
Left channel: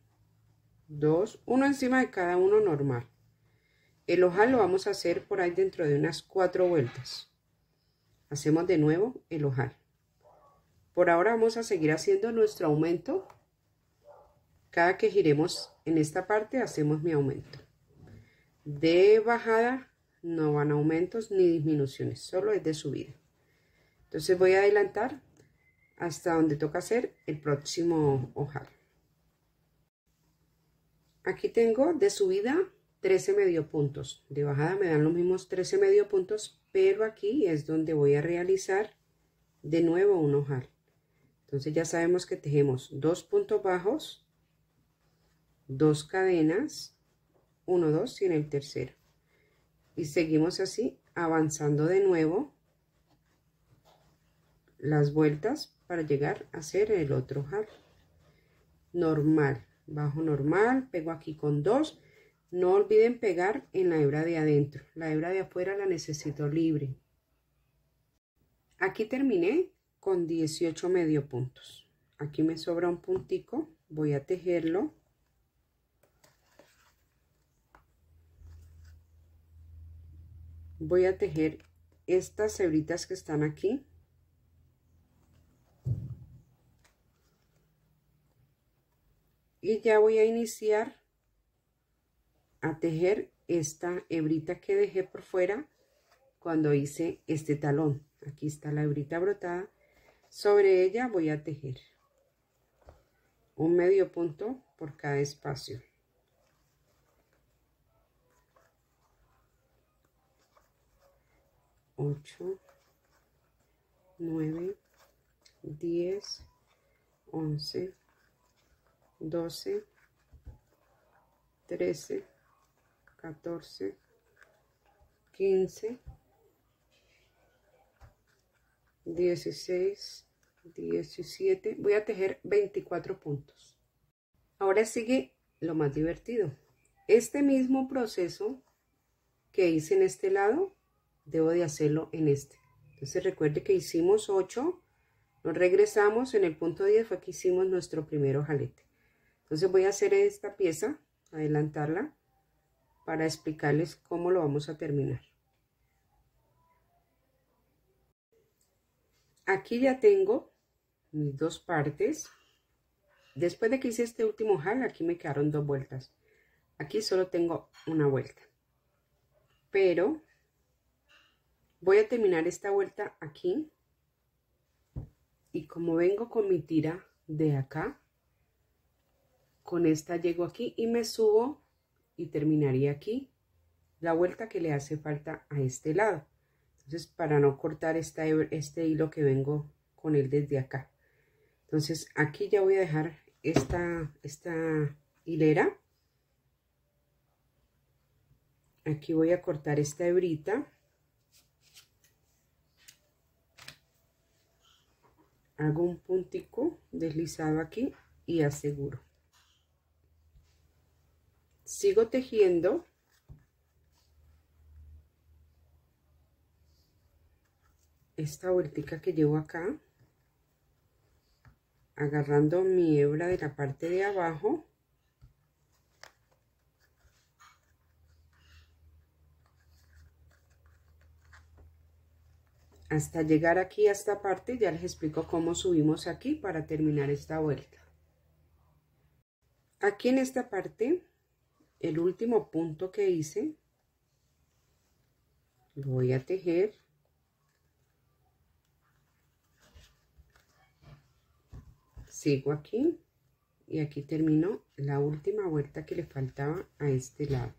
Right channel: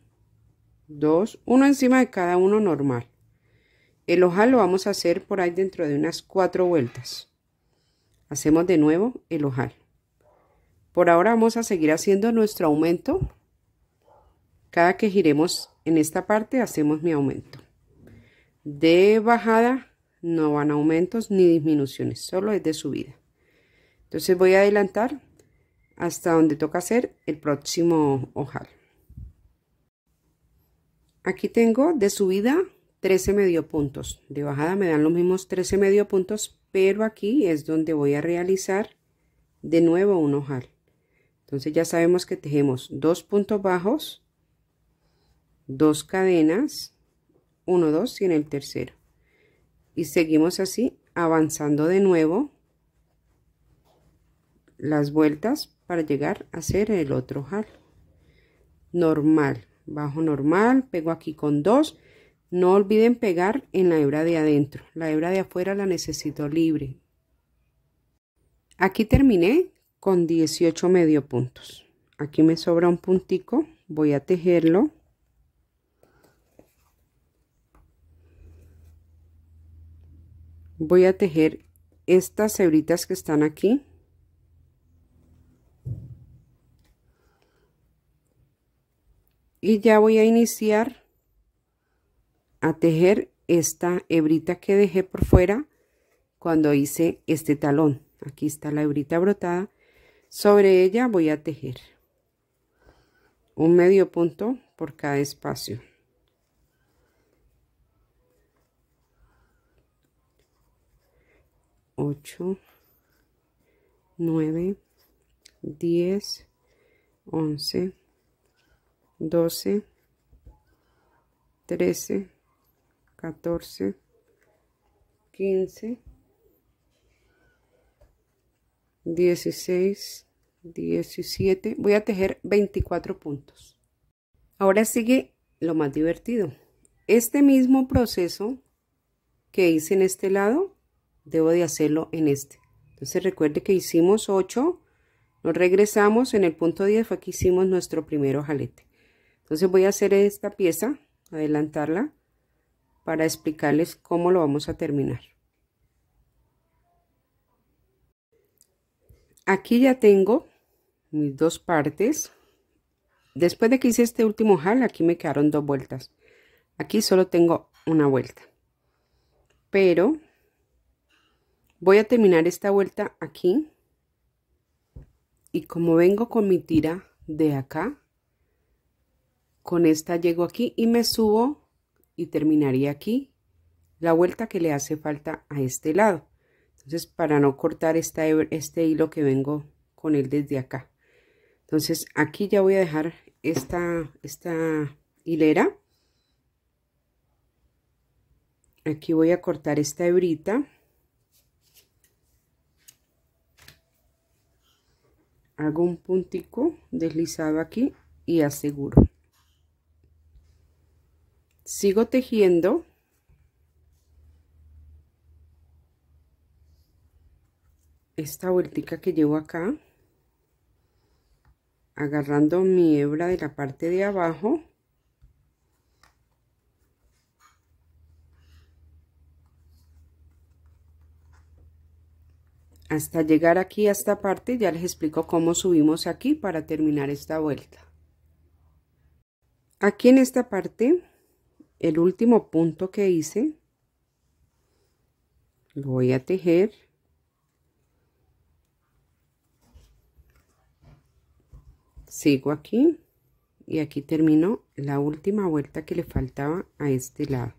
2, uno encima de cada uno normal. El ojal lo vamos a hacer por ahí dentro de unas 4 vueltas. Hacemos de nuevo el ojal. Por ahora vamos a seguir haciendo nuestro aumento. Cada que giremos en esta parte hacemos mi aumento. De bajada no van aumentos ni disminuciones, solo es de subida. Entonces voy a adelantar hasta donde toca hacer el próximo ojal. Aquí tengo de subida 13 medio puntos, de bajada me dan los mismos 13 medio puntos, pero aquí es donde voy a realizar de nuevo un ojal. Entonces ya sabemos que tejemos 2 puntos bajos, 2 cadenas, 1, 2 y en el tercero. Y seguimos así avanzando de nuevo las vueltas para llegar a hacer el otro ojal. Normal, bajo normal, pego aquí con 2. No olviden pegar en la hebra de adentro, la hebra de afuera la necesito libre. Aquí terminé con 18 medio puntos. Aquí me sobra un puntico, voy a tejerlo. Voy a tejer estas hebritas que están aquí. Y ya voy a iniciar a tejer esta hebrita que dejé por fuera cuando hice este talón. Aquí está la hebrita brotada. Sobre ella voy a tejer un medio punto por cada espacio. Ocho, 9, 10, 11, 12, 13, 14, 15, 16, 17. Voy a tejer 24 puntos. Ahora sigue lo más divertido. Este mismo proceso que hice en este lado, debo de hacerlo en este. Entonces recuerde que hicimos 8, nos regresamos, en el punto 10 fue que hicimos nuestro primer ojalete. Entonces voy a hacer esta pieza, adelantarla, para explicarles cómo lo vamos a terminar. Aquí ya tengo mis dos partes. Después de que hice este último ojal, aquí me quedaron 2 vueltas. Aquí solo tengo una vuelta, pero voy a terminar esta vuelta aquí, y como vengo con mi tira de acá, con esta llego aquí y me subo y terminaría aquí la vuelta que le hace falta a este lado. Entonces, para no cortar este hilo que vengo con él desde acá, entonces aquí ya voy a dejar esta hilera. Aquí voy a cortar esta hebrita, hago un puntico deslizado aquí y aseguro. Sigo tejiendo esta vueltica que llevo acá, agarrando mi hebra de la parte de abajo hasta llegar aquí a esta parte. Ya les explico cómo subimos aquí para terminar esta vuelta. Aquí en esta parte, el último punto que hice, lo voy a tejer. Sigo aquí y aquí termino la última vuelta que le faltaba a este lado.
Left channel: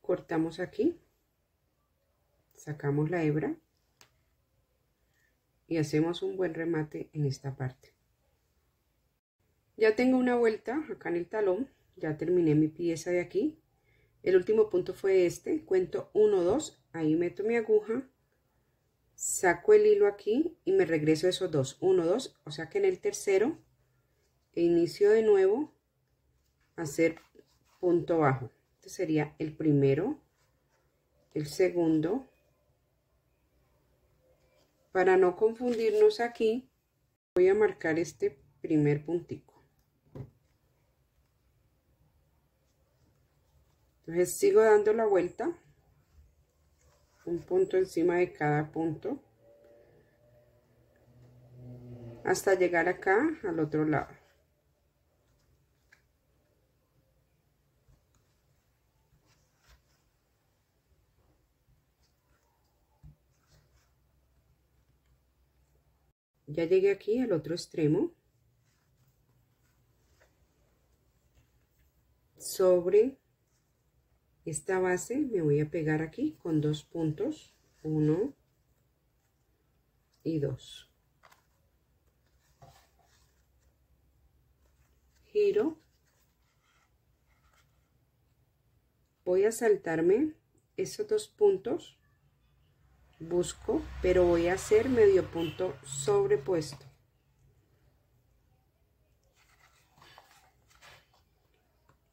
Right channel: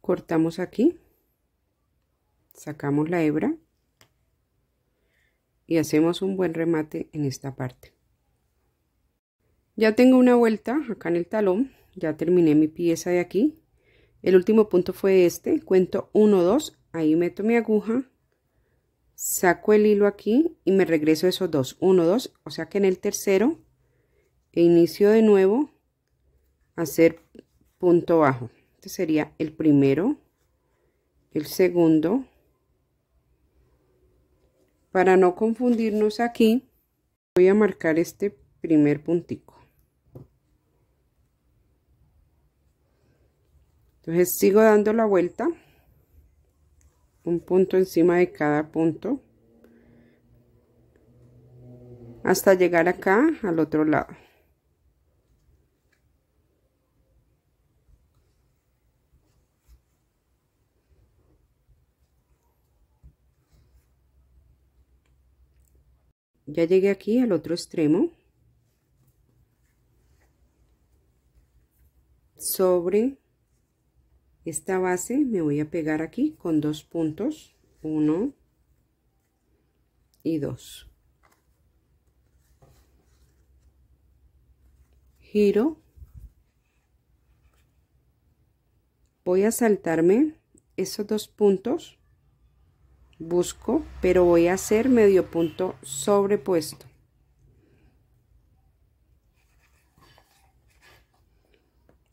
Cortamos aquí, sacamos la hebra y hacemos un buen remate en esta parte. Ya tengo una vuelta acá en el talón, ya terminé mi pieza de aquí. El último punto fue este, cuento 1, 2, ahí meto mi aguja, saco el hilo aquí y me regreso esos dos, 1, 2, o sea que en el tercero inicio de nuevo a hacer punto bajo. Este sería el primero, el segundo. Para no confundirnos aquí, voy a marcar este primer puntico. Entonces sigo dando la vuelta, un punto encima de cada punto, hasta llegar acá al otro lado. Ya llegué aquí al otro extremo. Sobre esta base me voy a pegar aquí con 2 puntos, 1 y 2. Giro. Voy a saltarme esos 2 puntos. Busco, pero voy a hacer medio punto sobrepuesto.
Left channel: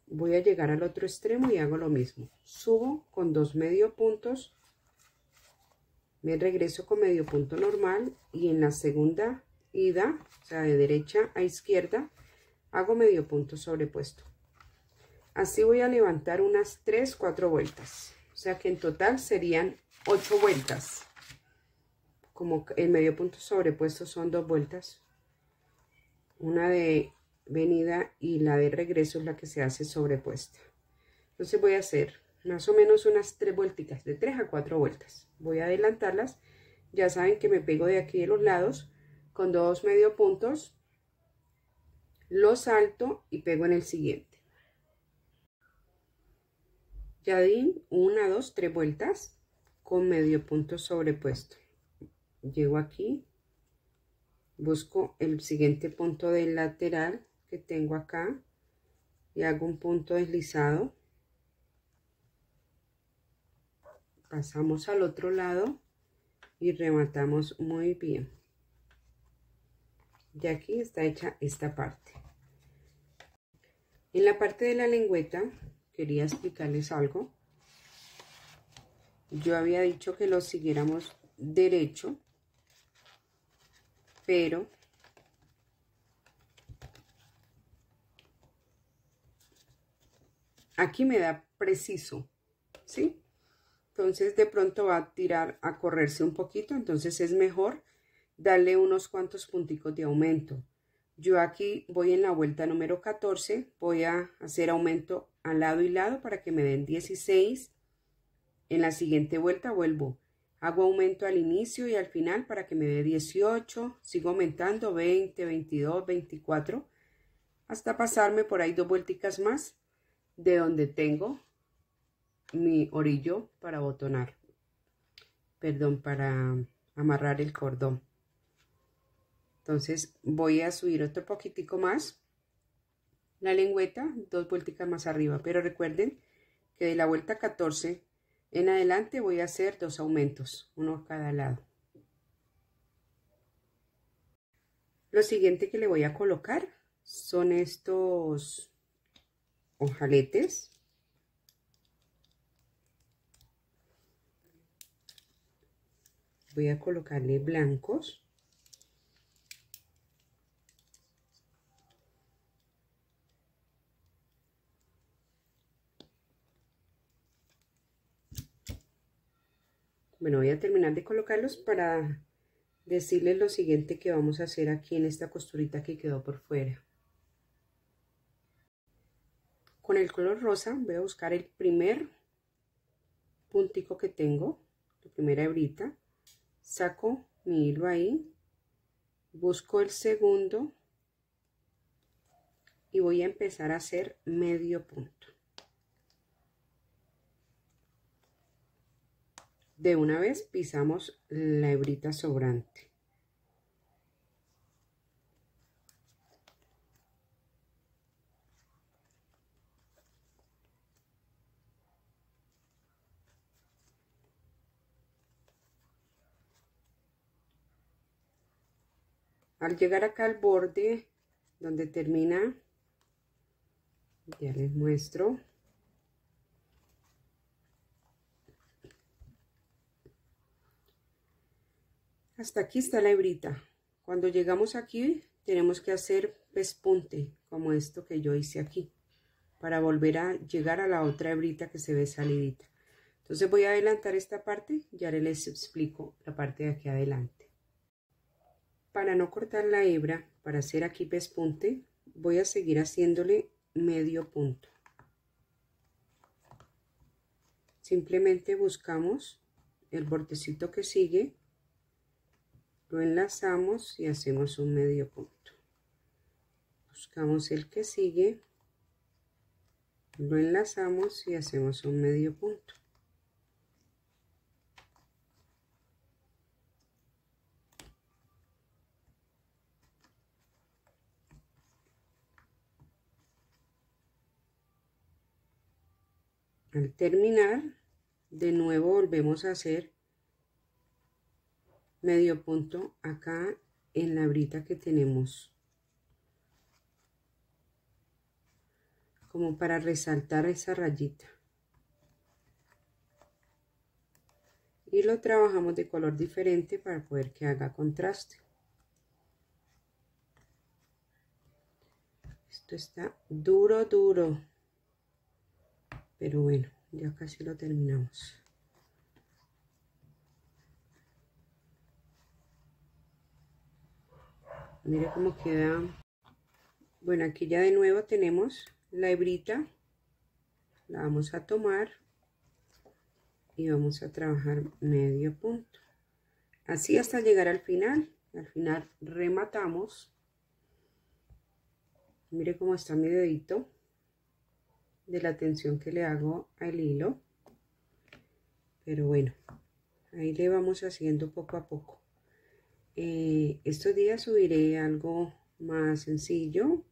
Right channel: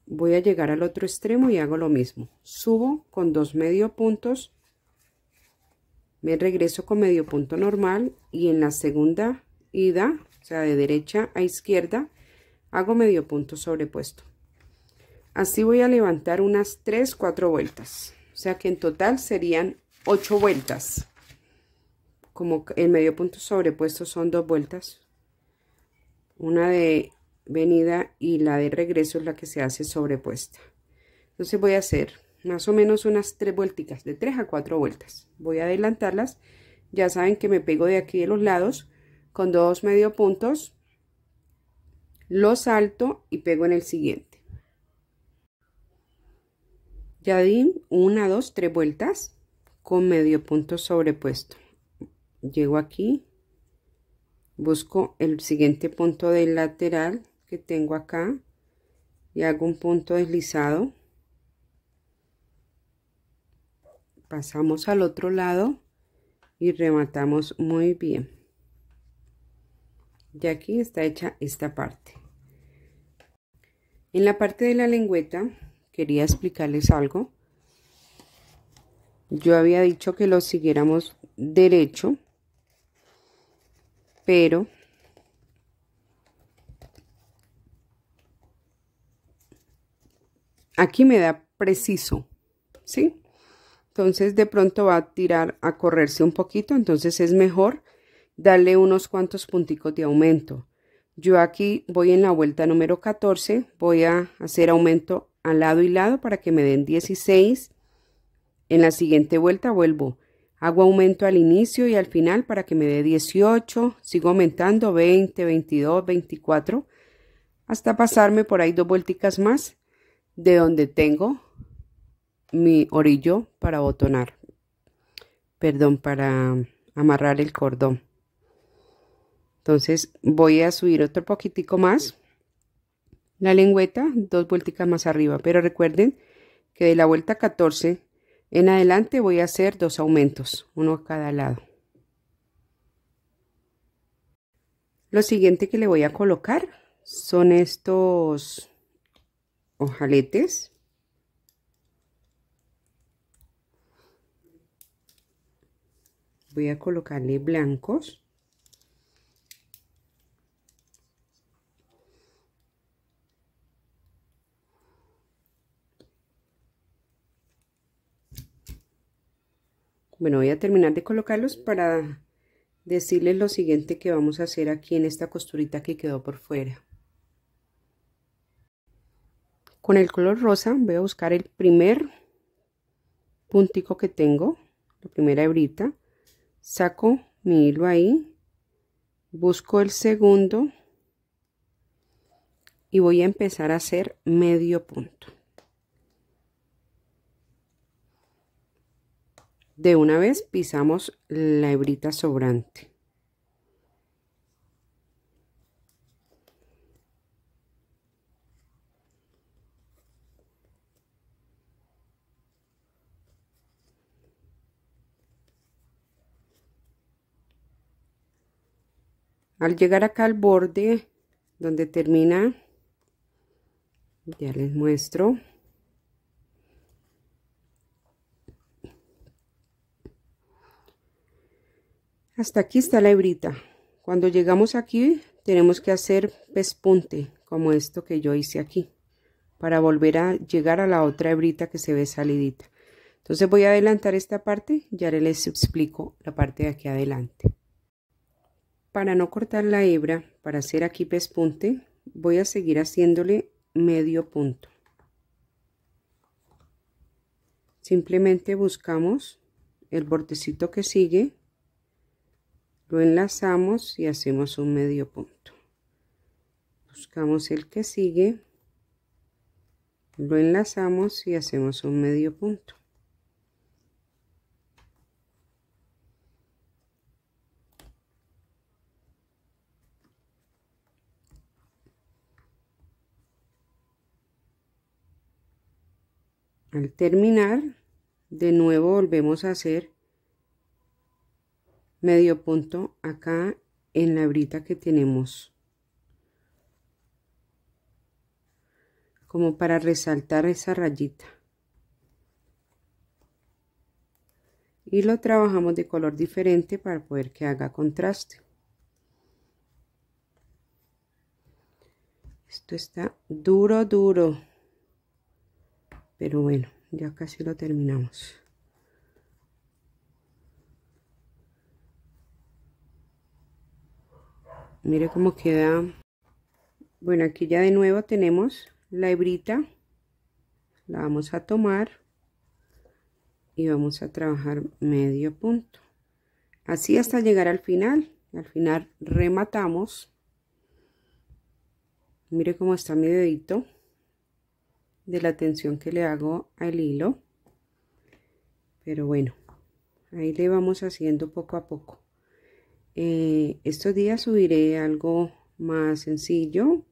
Voy a llegar al otro extremo y hago lo mismo. Subo con 2 medio puntos, me regreso con medio punto normal y en la segunda ida, o sea, de derecha a izquierda, hago medio punto sobrepuesto. Así voy a levantar unas 3, 4 vueltas. O sea que en total serían 8 vueltas. Como el medio punto sobrepuesto son 2 vueltas. Una de venida y la de regreso es la que se hace sobrepuesta. Entonces voy a hacer más o menos unas 3 vuelticas, de 3 a 4 vueltas. Voy a adelantarlas. Ya saben que me pego de aquí de los lados con 2 medio puntos, lo salto y pego en el siguiente. Ya di 1, 2, 3 vueltas con medio punto sobrepuesto. Llego aquí, busco el siguiente punto del lateral que tengo acá y hago un punto deslizado. Pasamos al otro lado y rematamos muy bien. Ya aquí está hecha esta parte. En la parte de la lengüeta quería explicarles algo. Yo había dicho que lo siguiéramos derecho, pero aquí me da preciso, ¿sí? Entonces de pronto va a tirar a correrse un poquito, entonces es mejor darle unos cuantos punticos de aumento. Yo aquí voy en la vuelta número 14, voy a hacer aumento al lado y lado para que me den 16. En la siguiente vuelta vuelvo, hago aumento al inicio y al final para que me dé 18, sigo aumentando 20, 22, 24, hasta pasarme por ahí 2 vuelticas más de donde tengo mi orillo para botonar, perdón, para amarrar el cordón. Entonces voy a subir otro poquitico más la lengüeta, 2 vuelticas más arriba, pero recuerden que de la vuelta 14 en adelante voy a hacer 2 aumentos, uno a cada lado. Lo siguiente que le voy a colocar son estos ojaletes. Voy a colocarle blancos. Bueno, voy a terminar de colocarlos para decirles lo siguiente que vamos a hacer aquí en esta costurita que quedó por fuera. Con el color rosa voy a buscar el primer puntico que tengo, la primera hebrita, saco mi hilo ahí, busco el segundo y voy a empezar a hacer medio punto. De una vez pisamos la hebrita sobrante. Al llegar acá al borde donde termina, ya les muestro. Hasta aquí está la hebrita. Cuando llegamos aquí tenemos que hacer pespunte como esto que yo hice aquí para volver a llegar a la otra hebrita que se ve salidita. Entonces voy a adelantar esta parte, ya les explico la parte de aquí adelante. Para no cortar la hebra, para hacer aquí pespunte, voy a seguir haciéndole medio punto. Simplemente buscamos el bordecito que sigue, lo enlazamos y hacemos un medio punto. Buscamos el que sigue, lo enlazamos y hacemos un medio punto. Al terminar, de nuevo volvemos a hacer medio punto acá en la hebrita que tenemos, como para resaltar esa rayita, y lo trabajamos de color diferente para poder que haga contraste. Esto está duro, pero bueno, ya casi lo terminamos. Mire cómo queda. Bueno, aquí ya de nuevo tenemos la hebrita, la vamos a tomar y vamos a trabajar medio punto, así hasta llegar al final. Al final rematamos. Mire cómo está mi dedito de la tensión que le hago al hilo, pero bueno, ahí le vamos haciendo poco a poco. Estos días subiré algo más sencillo,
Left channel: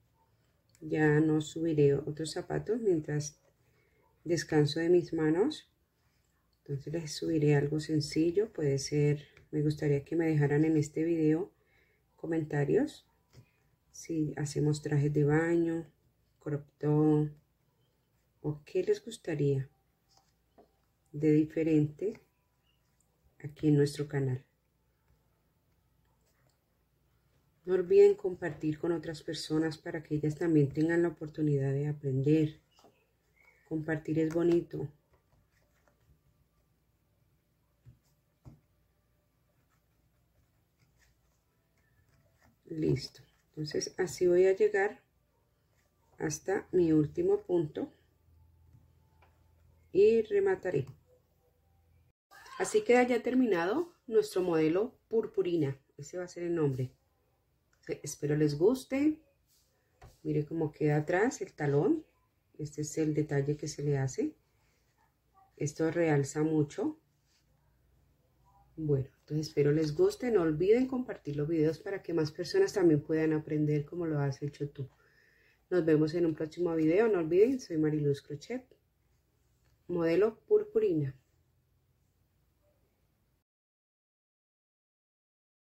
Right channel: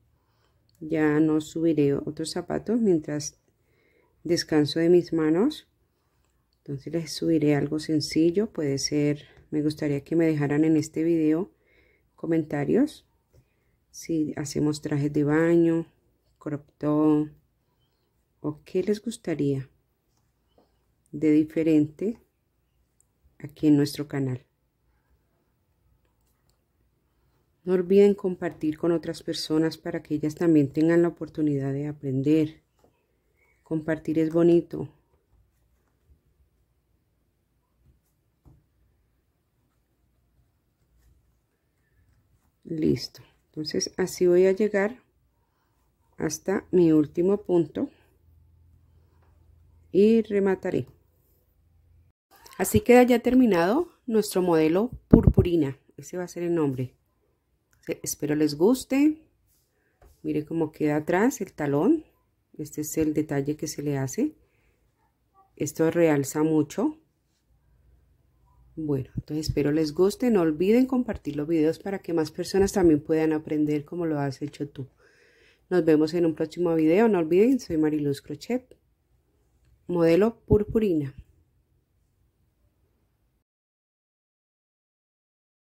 ya no subiré otros zapatos mientras descanso de mis manos. Entonces les subiré algo sencillo, puede ser, me gustaría que me dejaran en este video comentarios si hacemos trajes de baño, crop top, o qué les gustaría de diferente aquí en nuestro canal. No olviden compartir con otras personas para que ellas también tengan la oportunidad de aprender Compartir es bonito. Listo. Entonces así voy a llegar hasta mi último punto y remataré. Así queda ya terminado nuestro modelo purpurina. Ese va a ser el nombre. Espero les guste. Mire cómo queda atrás el talón. Este es el detalle que se le hace. Esto realza mucho. Bueno, entonces espero les guste. No olviden compartir los videos para que más personas también puedan aprender como lo has hecho tú. Nos vemos en un próximo video. No olviden, soy Mariluz Crochet, modelo purpurina.